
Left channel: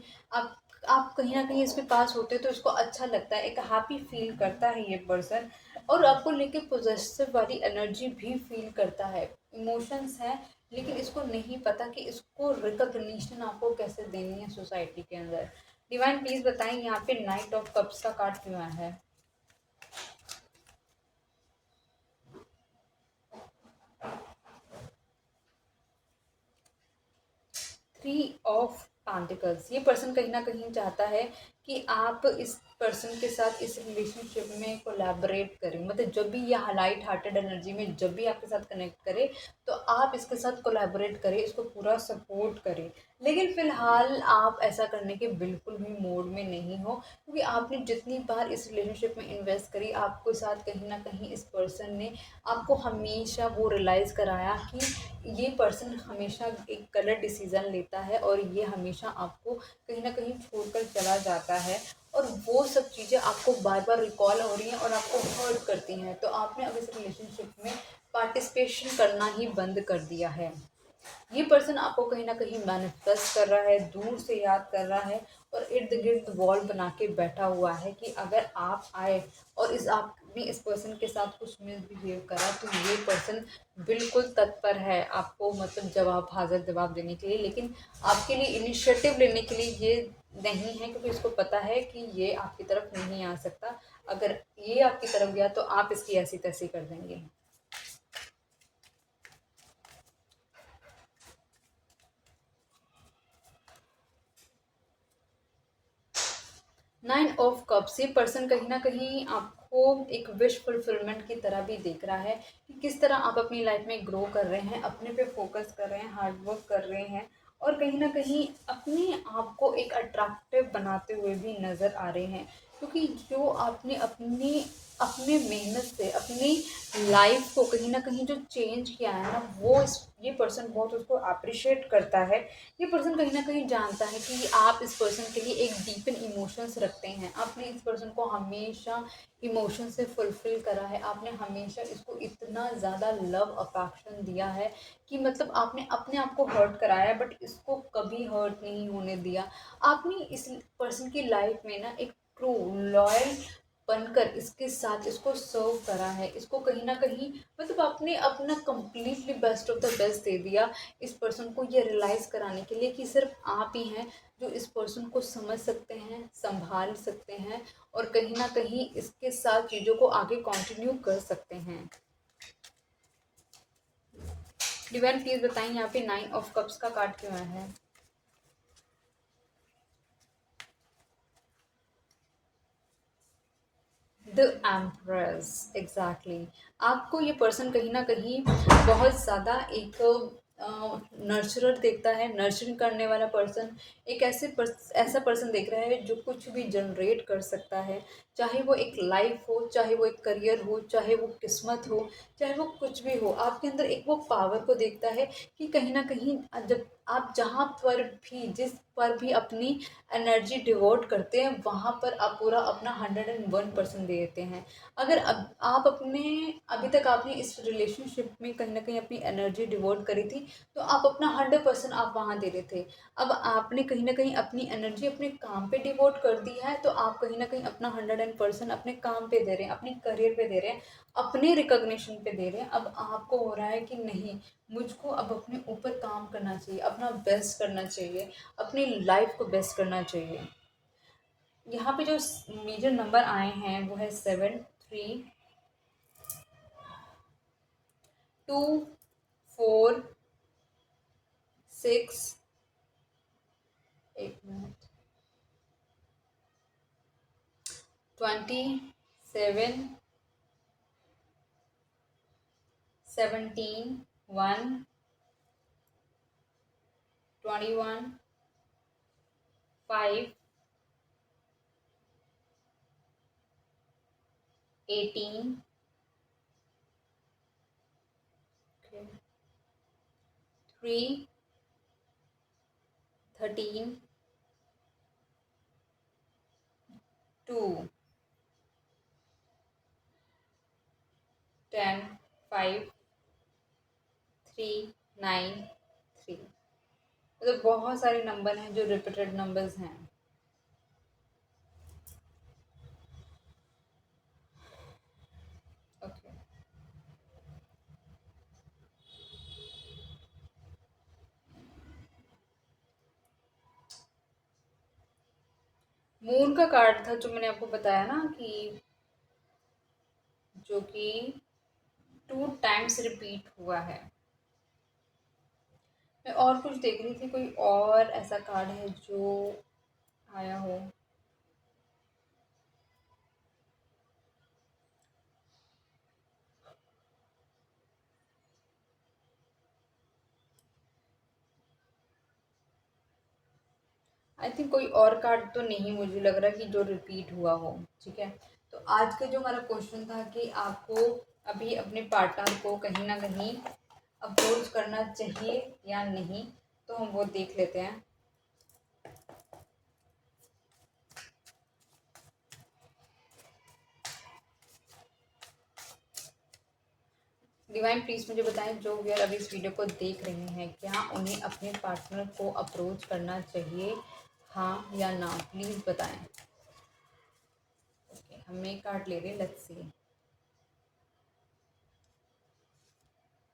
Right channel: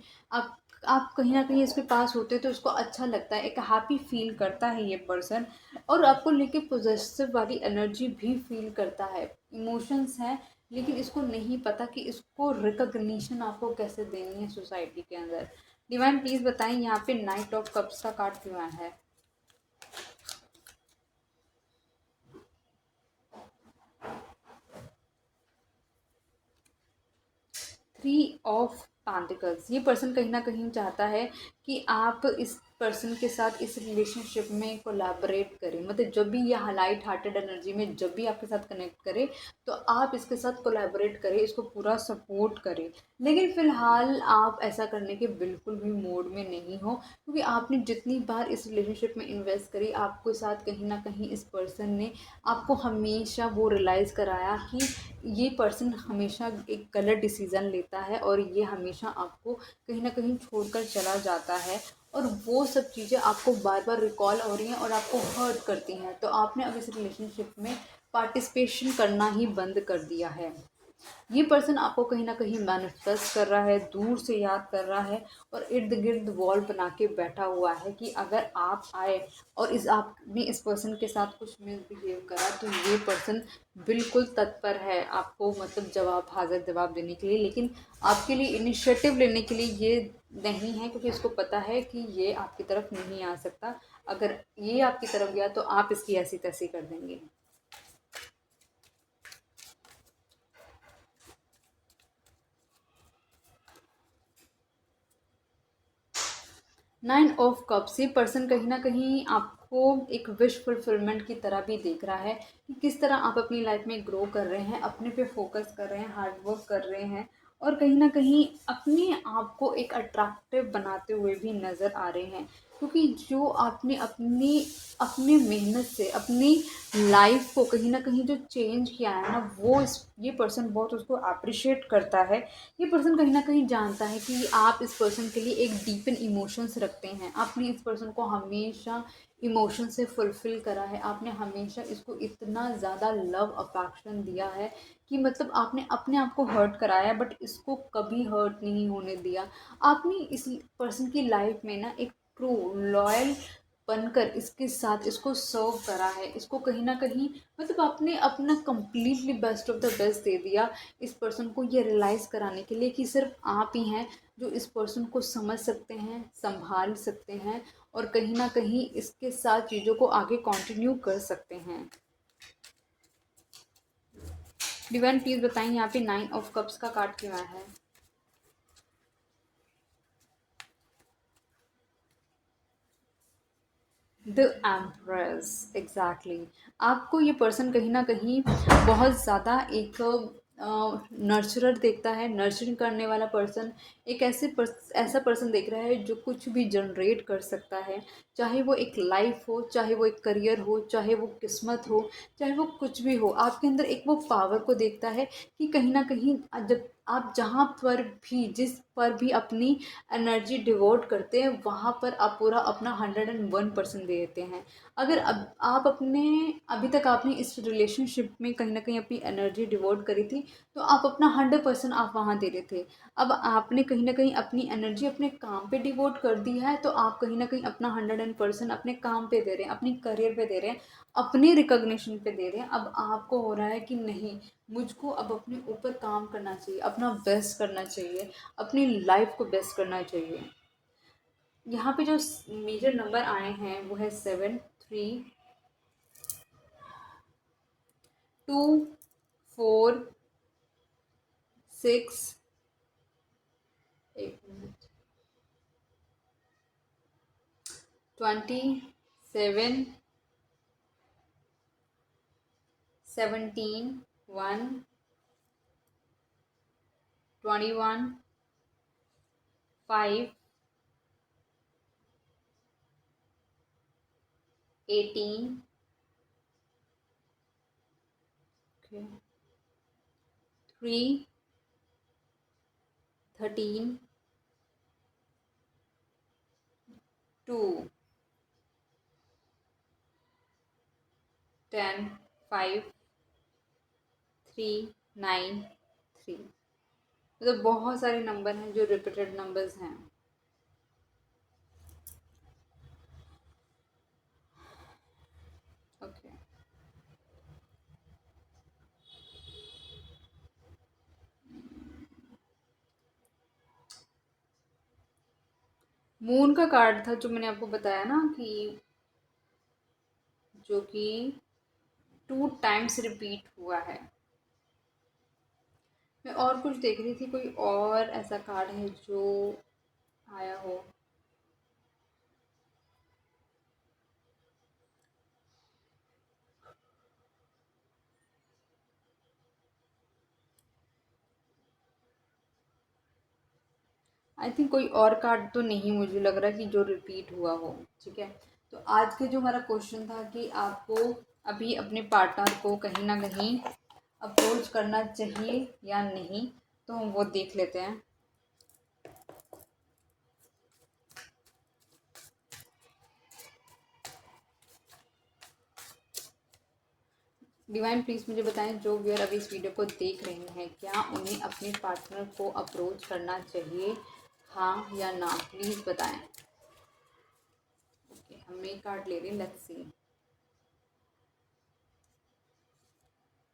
आप कहीं न कहीं इसके पास होते हो तो इसको अच्छा लगता है, एक हैप्पी फ़ील करता है ये पर्सन और आपको लेके पॉज़ेसिव वाली एनर्जी भी फ़ील करता है। इमोशंस हैं, लेकिन इसको नहीं पता कि इसको रिकॉग्निशन आपको कैसे देनी है सोसाइटी के अंदर। डिवाइन प्लीज़ बताएँ यहाँ पे नाइट ऑफ कप्स का कार्ड क्यों आया है? थ्री ऑफ पेंटिकल्स, ये पर्सन कहीं ना कहीं चाहता है कि आप इस पर्सन के साथ इस रिलेशनशिप में कोलैबोरेट करें, मतलब जब भी ये लाइट हार्टेड एनर्जी में जब भी आपके साथ कनेक्ट करे तो आप इसके साथ कोलैबोरेट करें, इसको पूरा सपोर्ट करें। लेकिन फ़िलहाल आप ऐसा करने के बिल्कुल भी मूड में नहीं हो, क्योंकि आपने जितनी बार इस रिलेशनशिप में इन्वेस्ट करी, आपके साथ कहीं ना कहीं इस पर्सन ने आपको हमेशा वो रियलाइज़ कराया कि ये पर्सन हमेशा एक गलत डिसीज़न लेता है और ये हमेशा आपको कहीं ना कहीं छोड़कर चला जाता है, और वो सब चीज़ें आपको बार बार रिकॉल हो रही हैं और आपको हर्ट करती हैं। तो आपने अब इस रिलेशनशिप में पार्टिसिपेशन करना ही बंद कर दिया है। ये पर्सन आपको कहीं ना कहीं मैनिफेस्ट कर रहा है, दूर से याद कर रहा है, और इर्द गिर्द वॉल बना के बैठा हुआ है कि अगर आप आए और इस आपने इस पर्सन के साथ कुछ मिसबिहेव करा तो ये पर्सन बिल्कुल तत्पर है आपको, मतलब जवाब, हाजिर जवाब देने के लिए, लेकिन आपके लिए इनिशिएटिव लेने के लिए ये नहीं है, क्योंकि इसको पता है कि ये आपकी तरफ नहीं आ सकता। अगर ये आपकी तरफ गया तो आप इसकी ऐसी तैसी कर देंगे। नाइन ऑफ कप्स, ये पर्सन कहीं ना कहीं आपको एक विश फुलफिलमेंट की तरह भी देख रहा है कि किस तरह आप अपनी लाइफ में ग्रो कर रहे हैं, अपने पे फोकस कर रहे हैं, हार्ड वर्क कर रहे हैं, और कहीं ना कहीं अपने आप को एक अट्रैक्टिव बनाते हुए भी नज़र आ रहे हैं। क्योंकि जो आपने अपनी अपने मेहनत से अपनी लाइफ को कहीं ना कहीं जो चेंज किया है ना, वो ये पर्सन बहुत उसको अप्रिशिएट करता है। ये पर्सन कहीं न कहीं जानता है कि आप इस पर्सन के लिए एक डीप इन इमोशंस रखते हैं। आपने इस पर्सन को हमेशा इमोशन से फुलफ़िल करा है। आपने हमेशा इसको इतना ज़्यादा लव अफ़ेक्शन दिया है कि मतलब आपने अपने आप को हर्ट कराया, बट इसको कभी हर्ट नहीं होने दिया। आपने इस पर्सन की लाइफ़ में ना एक ट्रू लॉयल बनकर इसके साथ इसको सर्व करा है। इसको कहीं न कहीं मतलब आपने अपना completely best of the best दे दिया इस पर्सन को, ये रियलाइज़ कराने के लिए कि सिर्फ आप ही हैं जो इस पर्सन को समझ सकते हैं, संभाल सकते हैं, और कहीं ना कहीं इसके साथ चीज़ों को आगे कंटिन्यू कर सकते हैं। डिवाइन प्लीज बताएं यहाँ पे नाइन ऑफ कप्स का कार्ड क्यों आया है। The empress, exactly. आपको ये पर्सन कहीं ना कहीं बहुत ज़्यादा एक नर्चरर देखता है, नर्चरिंग करने वाला पर्सन। एक ऐसा पर्सन देख रहा है जो कुछ भी जनरेट कर सकता है, चाहे वो एक लाइफ हो, चाहे वो एक करियर हो, चाहे वो किस्मत हो, चाहे वो कुछ भी हो। आपके अंदर एक वो पावर को देखता है कि कहीं ना कहीं जब आप जहाँ पर भी जिस पर भी अपनी एनर्जी डिवोट करते हैं, वहाँ पर आप पूरा अपना 101% दे देते हैं। अगर अब आप अपने अभी तक आपने इस रिलेशनशिप में कहीं ना कहीं अपनी एनर्जी डिवोट करी थी, तो आप अपना 100% आप वहाँ दे रहे थे। अब आपने कहीं ना कहीं अपनी एनर्जी अपने काम पे डिवोट कर दी है, तो आप कहीं ना कहीं अपना 100% अपने काम पे दे रहे हैं, अपने करियर पे दे रहे हैं, अपने रिकॉग्निशन पे दे रहे हैं। अब आपको हो रहा है कि नहीं, मुझको अब अपने ऊपर काम करना चाहिए, अपना बेस्ट करना चाहिए, अपनी लाइफ को बेस्ट करना चाहिए। यहाँ पे जो मेजर नंबर आए हैं वो है 7, 3, 2, 4, 6, एक मिनट, 27, 17, 1, 21, 5, 18, 3, 13, 2, 10, 5, 3, 9, 3। मतलब बहुत सारे नंबर हैं जो रिपीटेड नंबर्स हैं। ओके, मून का कार्ड था जो मैंने आपको बताया ना, कि जो कि 2 टाइम्स रिपीट हुआ है। मैं और कुछ देख रही थी, कोई और ऐसा कार्ड है जो आया हो। आई थिंक कोई और कार्ड तो नहीं मुझे लग रहा कि जो रिपीट हुआ हो। ठीक है, तो आज के जो हमारा क्वेश्चन था कि आपको अभी अपने पार्टनर को कहीं ना कहीं अप्रोच करना चाहिए या नहीं, तो हम वो देख लेते हैं। डिवाइन प्लीज़ मुझे बताएं, जो व्यूअर अभी इस वीडियो को देख रहे हैं, क्या उन्हें अपने पार्टनर को अप्रोच करना चाहिए, हाँ या ना? प्लीज़ बताएं। ओके, हम एक कार्ड ले रहे हैं, लेट्स सी।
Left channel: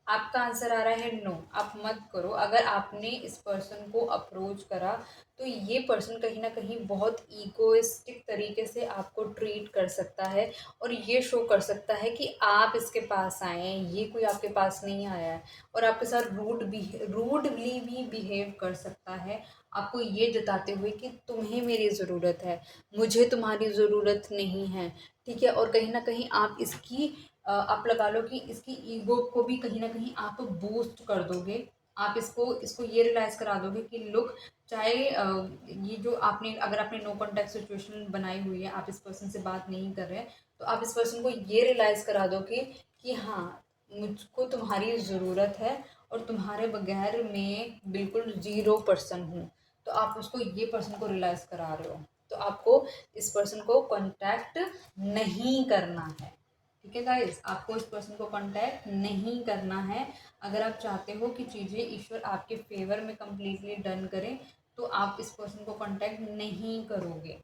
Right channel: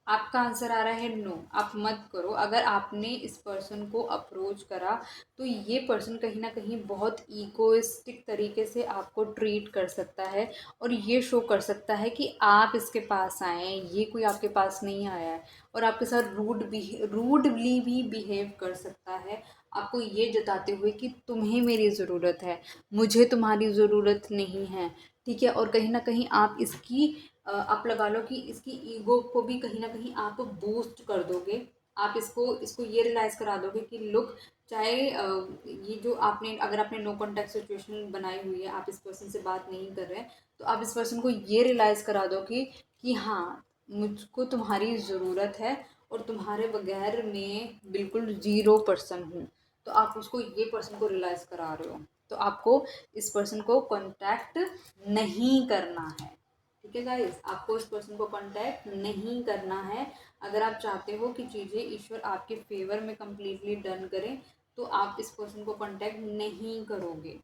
आपका आंसर आ रहा है नो, आप मत करो। अगर आपने इस पर्सन को अप्रोच करा तो ये पर्सन कहीं ना कहीं बहुत ईगोइस्टिक तरीके से आपको ट्रीट कर सकता है, और ये शो कर सकता है कि आप इसके पास आए हैं, ये कोई आपके पास नहीं आया है। और आपके साथ रूडली भी बिहेव कर सकता है, आपको ये जताते हुए कि तुम्हें मेरी ज़रूरत है, मुझे तुम्हारी ज़रूरत नहीं है। ठीक है, और कहीं ना कहीं आप इसकी आप लगा लो कि इसकी ईगो को भी कहीं ना कहीं आप बूस्ट कर दोगे। आप इसको इसको ये रियलाइज़ करा दोगे कि लुक, चाहे ये जो आपने, अगर आपने नो कॉन्टैक्ट सिचुएशन बनाई हुई है, आप इस पर्सन से बात नहीं कर रहे हैं, तो आप इस पर्सन को ये रियलाइज़ करा दोगे कि हाँ, मुझको तुम्हारी ज़रूरत है, और तुम्हारे बगैर मैं बिल्कुल ज़ीरो पर्सन हूँ। तो आप उसको, ये पर्सन को रियलाइज़ करा रहे हो, तो आपको इस पर्सन को कांटेक्ट नहीं करना है। ठीक है गाइस, आपको इस पर्सन को कांटेक्ट नहीं करना है। अगर आप चाहते हो कि चीज़ें ईश्वर आपके फेवर में कंप्लीटली डन करें, तो आप इस पर्सन को कांटेक्ट नहीं करोगे।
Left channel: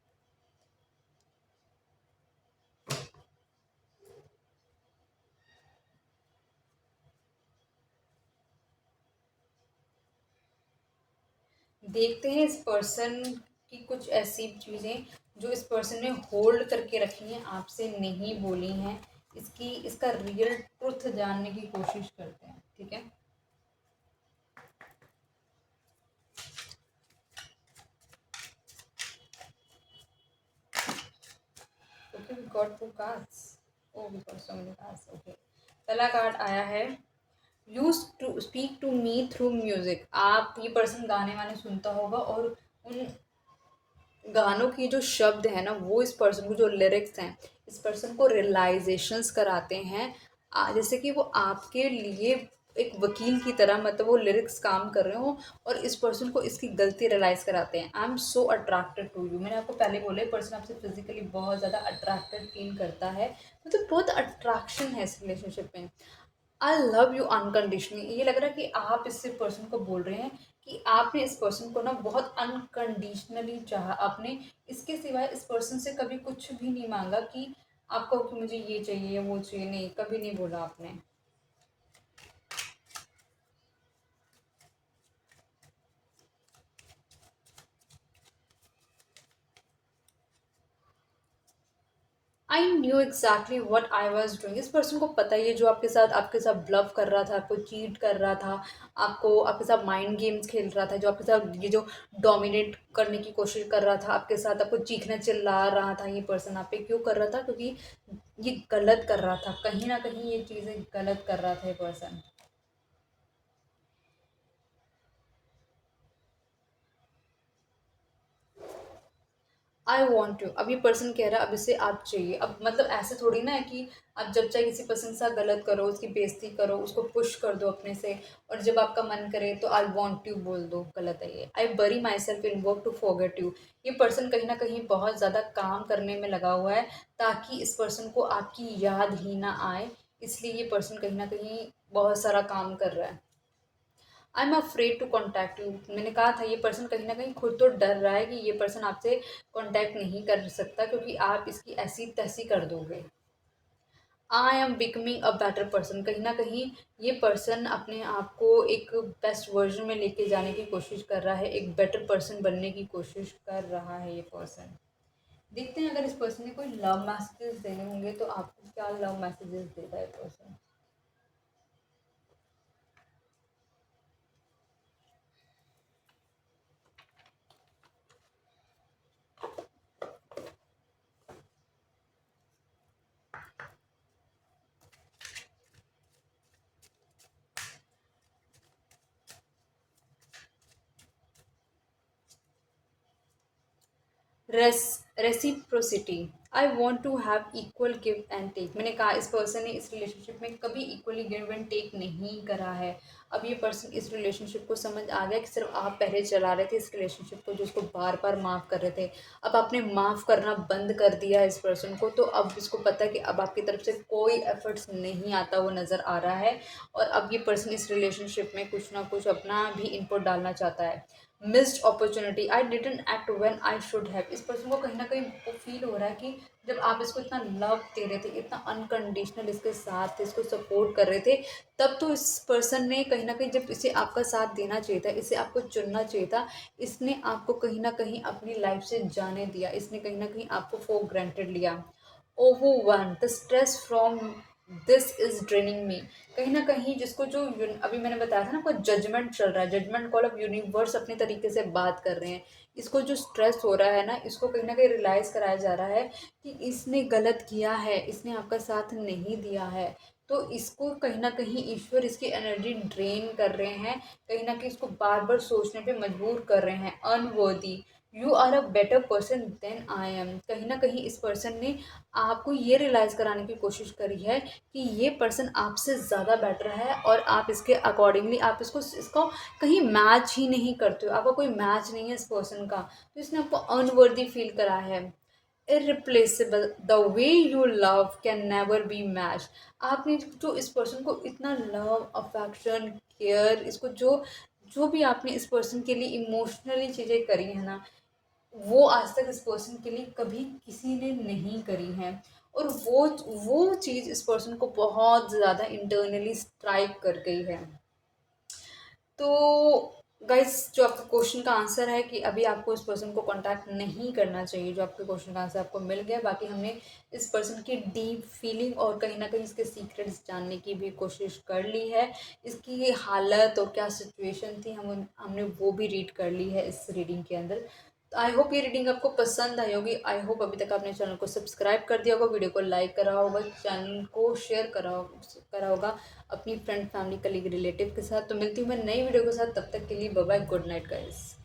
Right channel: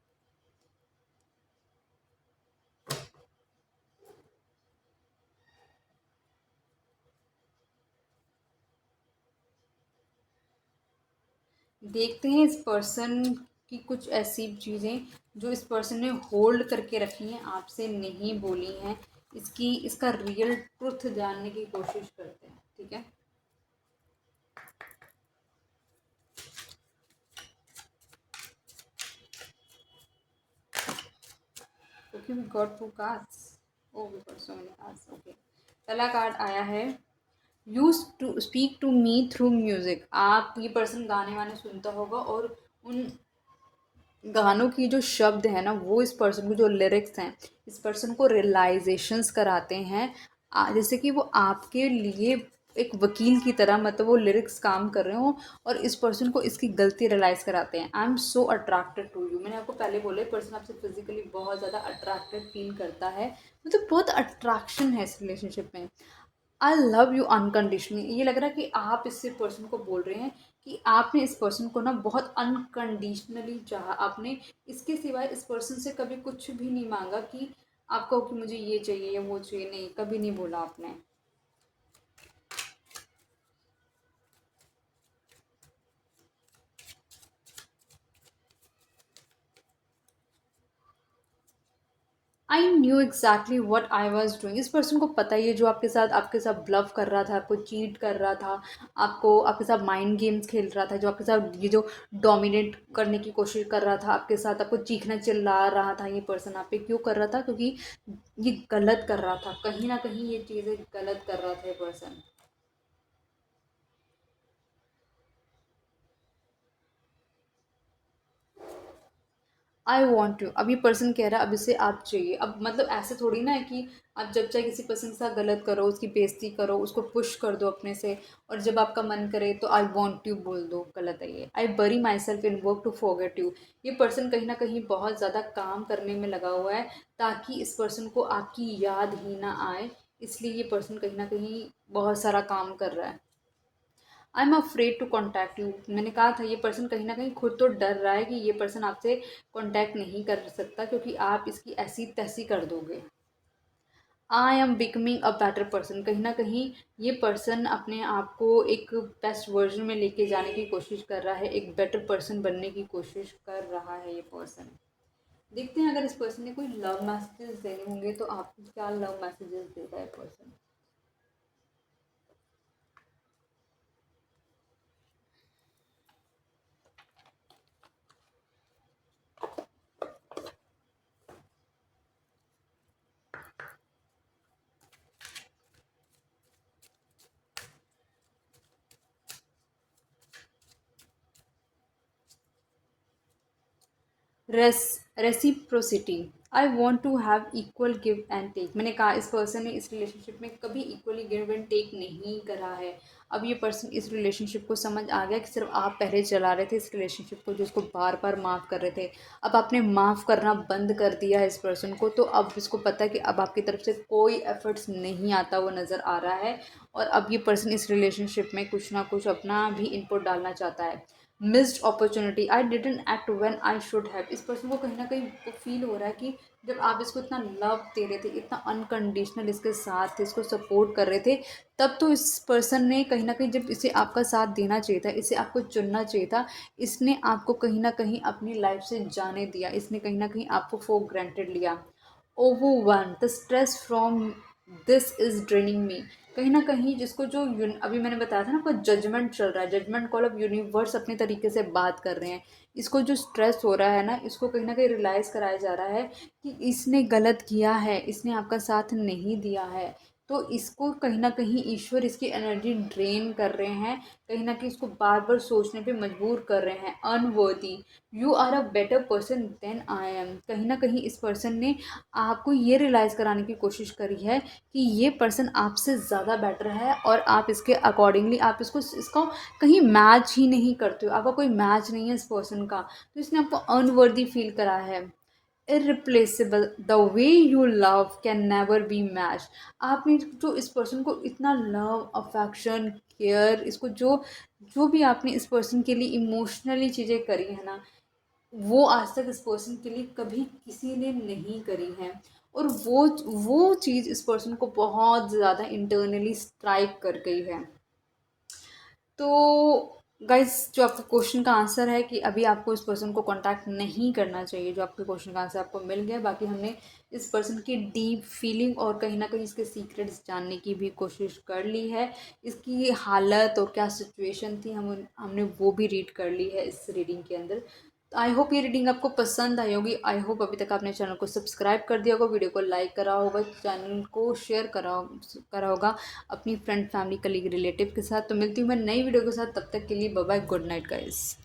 देखते हैं इस पर्सन की कुछ ऐसी चीज़ें जो इस पर्सन ने होल्ड करके रखी हैं, आपसे नहीं बोली हैं। इसका रियल ट्रुथ जानने की कोशिश करते हैं। ठीक है, okay, we got two cards. Oh, we got so many cards. Okay, पहला कार्ड आया है, use to speak to me through music. आप, ये पर्सन गाने वाने सुनता होगा, और उन गानों की जो शब्द है ना, वो इस पर्सन को, जो लिरिक्स हैं, इस पर्सन को रियलाइजेशंस कराते हैं। जैसे कि वो आपके लिए एक वकील की तरह, मतलब वो लिरिक्स काम कर रहे हो, और इस पर्सन को इसकी गलती रियलाइज़ कराते हैं। I am so attracted to you. मैंने आपको पहले बोला, पर्सन आपसे फिजिकली बहुत ज़्यादा अट्रैक्टेड फील करता है, मतलब बहुत अट्रैक्शन है इस रिलेशनशिप में। आई लव यू अनकंडीशनली, ये लग रहा है कि आप इससे पर्सन को बोल रहे हैं कि आपने इस पर्सन को ना बहुत अनकंडीशनली चाहा। आपने इसके सिवाय इस पर्सन से कभी कुछ भी नहीं मांगा कि आपको कि मुझे ये चाहिए या वो चाहिए, नहीं, कभी नहीं बोला आपने। I knew exactly what I was doing. इस पर्सन को पता ही है, जो आपके साथ ब्लफ कर रहा था, आपको चीट कर रहा था, आपको आपके साथ माइंड गेम्स खेल रहा था, जो आपके साथ ये जो डोमिनेट करने की कोशिश कर रहा था आपके साथ, आपको चीखना चिल्ला रहा था, ये पर्सन आप पे क्यों कर रहा था? क्योंकि ये गलत कर रहा था, कहीं ना कहीं ये चीज़ें गलत कर रहा था ये पर्सन। आई वॉन्ट यू, अब ये पर्सन कह रहा है अब इसे आप चाहिए। अब मतलब ऐसे थोड़ी ना है कि आप जब चाहे किसी पर्सन के साथ गलत करो, उसकी बेइज्जती करो, उसको पुश कर दो अपने से, और जब आपका मन करे तो आई वॉन्ट यू बोल दो। गलत है ये। I bury myself in work to forget you. ये पर्सन कहीं ना कहीं बहुत ज़्यादा काम करने में लगा हुआ है, ताकि इस पर्सन को आपकी याद ही ना आए, इसलिए ये पर्सन कहीं ना कहीं बहुत सारा काम कर रहा है। I am afraid to contact you. मैंने कहा था, ये पर्सन कहीं ना कहीं खुद तो डर रहा है कि ये पर्सन आपसे कॉन्टैक्ट नहीं कर सकता, क्योंकि आप इसकी ऐसी तैसी कर दोगे। I am becoming a better person. कहीं ना कहीं ये पर्सन अपने आप को एक बेस्ट वर्जन में लेके जाने की कोशिश कर रहा है, एक बेटर पर्सन बनने की कोशिश कर रहा है ये पर्सन। देखते हैं, अगर इस पर्सन ने कोई लव मैसेजेस देने होंगे तो आपको क्या लव मैसेजेस देता है person. Reciprocity, I want to have equal give and take. मैंने कहा इस पर्सन ने इस रिलेशनशिप में कभी इक्वली गिव एंड टेक नहीं करा है। अब ये पर्सन इस रिलेशनशिप को समझ आ गया कि सिर्फ आप पहले चला रहे थे इस रिलेशनशिप को, जो उसको बार बार माफ़ कर रहे थे। अब आपने माफ़ करना बंद कर दिया है इस पर्सन को, तो अब इसको पता है कि अब आपकी तरफ से कोई एफर्ट्स नहीं आता वो नज़र आ रहा है। और अब ये पर्सन इस रिलेशनशिप में कुछ ना कुछ अपना भी इनपुट डालना चाहता है। Missed opportunity, I didn't act when I should have. इस पर्सन को कहीं ना कहीं वो फील हो रहा है कि जब आप इसको इतना लव दे रहे थे, इतना अनकंडीशनल इसके साथ थे, इसको सपोर्ट कर रहे थे, तब तो इस पर्सन ने कहीं ना कहीं, जब इसे आपका साथ देना चाहिए था, इसे आपको चुनना चाहिए था, इसने आपको कहीं ना कहीं अपनी लाइफ से जाने दिया, इसने कहीं ना कहीं आपको फॉर ग्रांटेड लिया। Overwhelm the stress from this is draining me. कहीं ना कहीं जिसको जो अभी मैंने बताया था ना, आपका जजमेंट चल रहा है, जजमेंट कॉल ऑफ यूनिवर्स अपने तरीके से बात कर रहे हैं। इसको जो स्ट्रेस हो रहा है ना, इसको कहीं ना कहीं रियलाइज कराया जा रहा है कि इसने गलत किया है, इसने आपका साथ नहीं दिया है। तो इसको कहीं ना कहीं ईश्वर इसकी एनर्जी ड्रेन कर रहे हैं, कहीं ना कहीं इसको बार बार सोचने पे मजबूर कर रहे हैं। Unworthy, you are a better person than I am. कहीं ना कहीं इस पर्सन ने आपको ये रियलाइज़ कराने की कोशिश करी है कि ये पर्सन आपसे ज़्यादा बेटर है, और आप इसके अकॉर्डिंगली आप इसको कहीं मैच ही नहीं करते हो, आपका कोई मैच नहीं है इस पर्सन का। तो इसने आपको अनवर्दी फील करा है। Irreplaceable, the way you love can never be match. आपने जो इस पर्सन को इतना लव, अफेक्शन, केयर, इसको जो जो भी आपने इस पर्सन के लिए इमोशनली चीज़ें करी है ना, वो आज तक इस पर्सन के लिए कभी किसी ने नहीं करी है। और वो चीज़ इस पर्सन को बहुत ज़्यादा इंटरनली स्ट्राइक कर गई है। तो गाइस, जो आपके क्वेश्चन का आंसर है कि अभी आपको इस पर्सन को कांटेक्ट नहीं करना चाहिए, जो आपके क्वेश्चन का आंसर आपको मिल गया। बाकी हमने इस पर्सन की डीप फीलिंग और कहीं ना कहीं इसके सीक्रेट्स जानने की भी कोशिश कर ली है। इसकी हालत और क्या सिचुएशन थी, हमने वो भी रीड कर ली है इस रीडिंग के अंदर। तो आई होप ये रीडिंग आपको पसंद आई होगी। आई होप अभी तक आपने चैनल को सब्सक्राइब कर दिया होगा, वीडियो को लाइक करा होगा, चैनल को शेयर करा होगा अपनी फ्रेंड, फैमिली, कलीग, रिलेटिव के साथ। तो मिलती हूँ मैं नई वीडियो के साथ, तब तक के लिए bye bye, good night guys.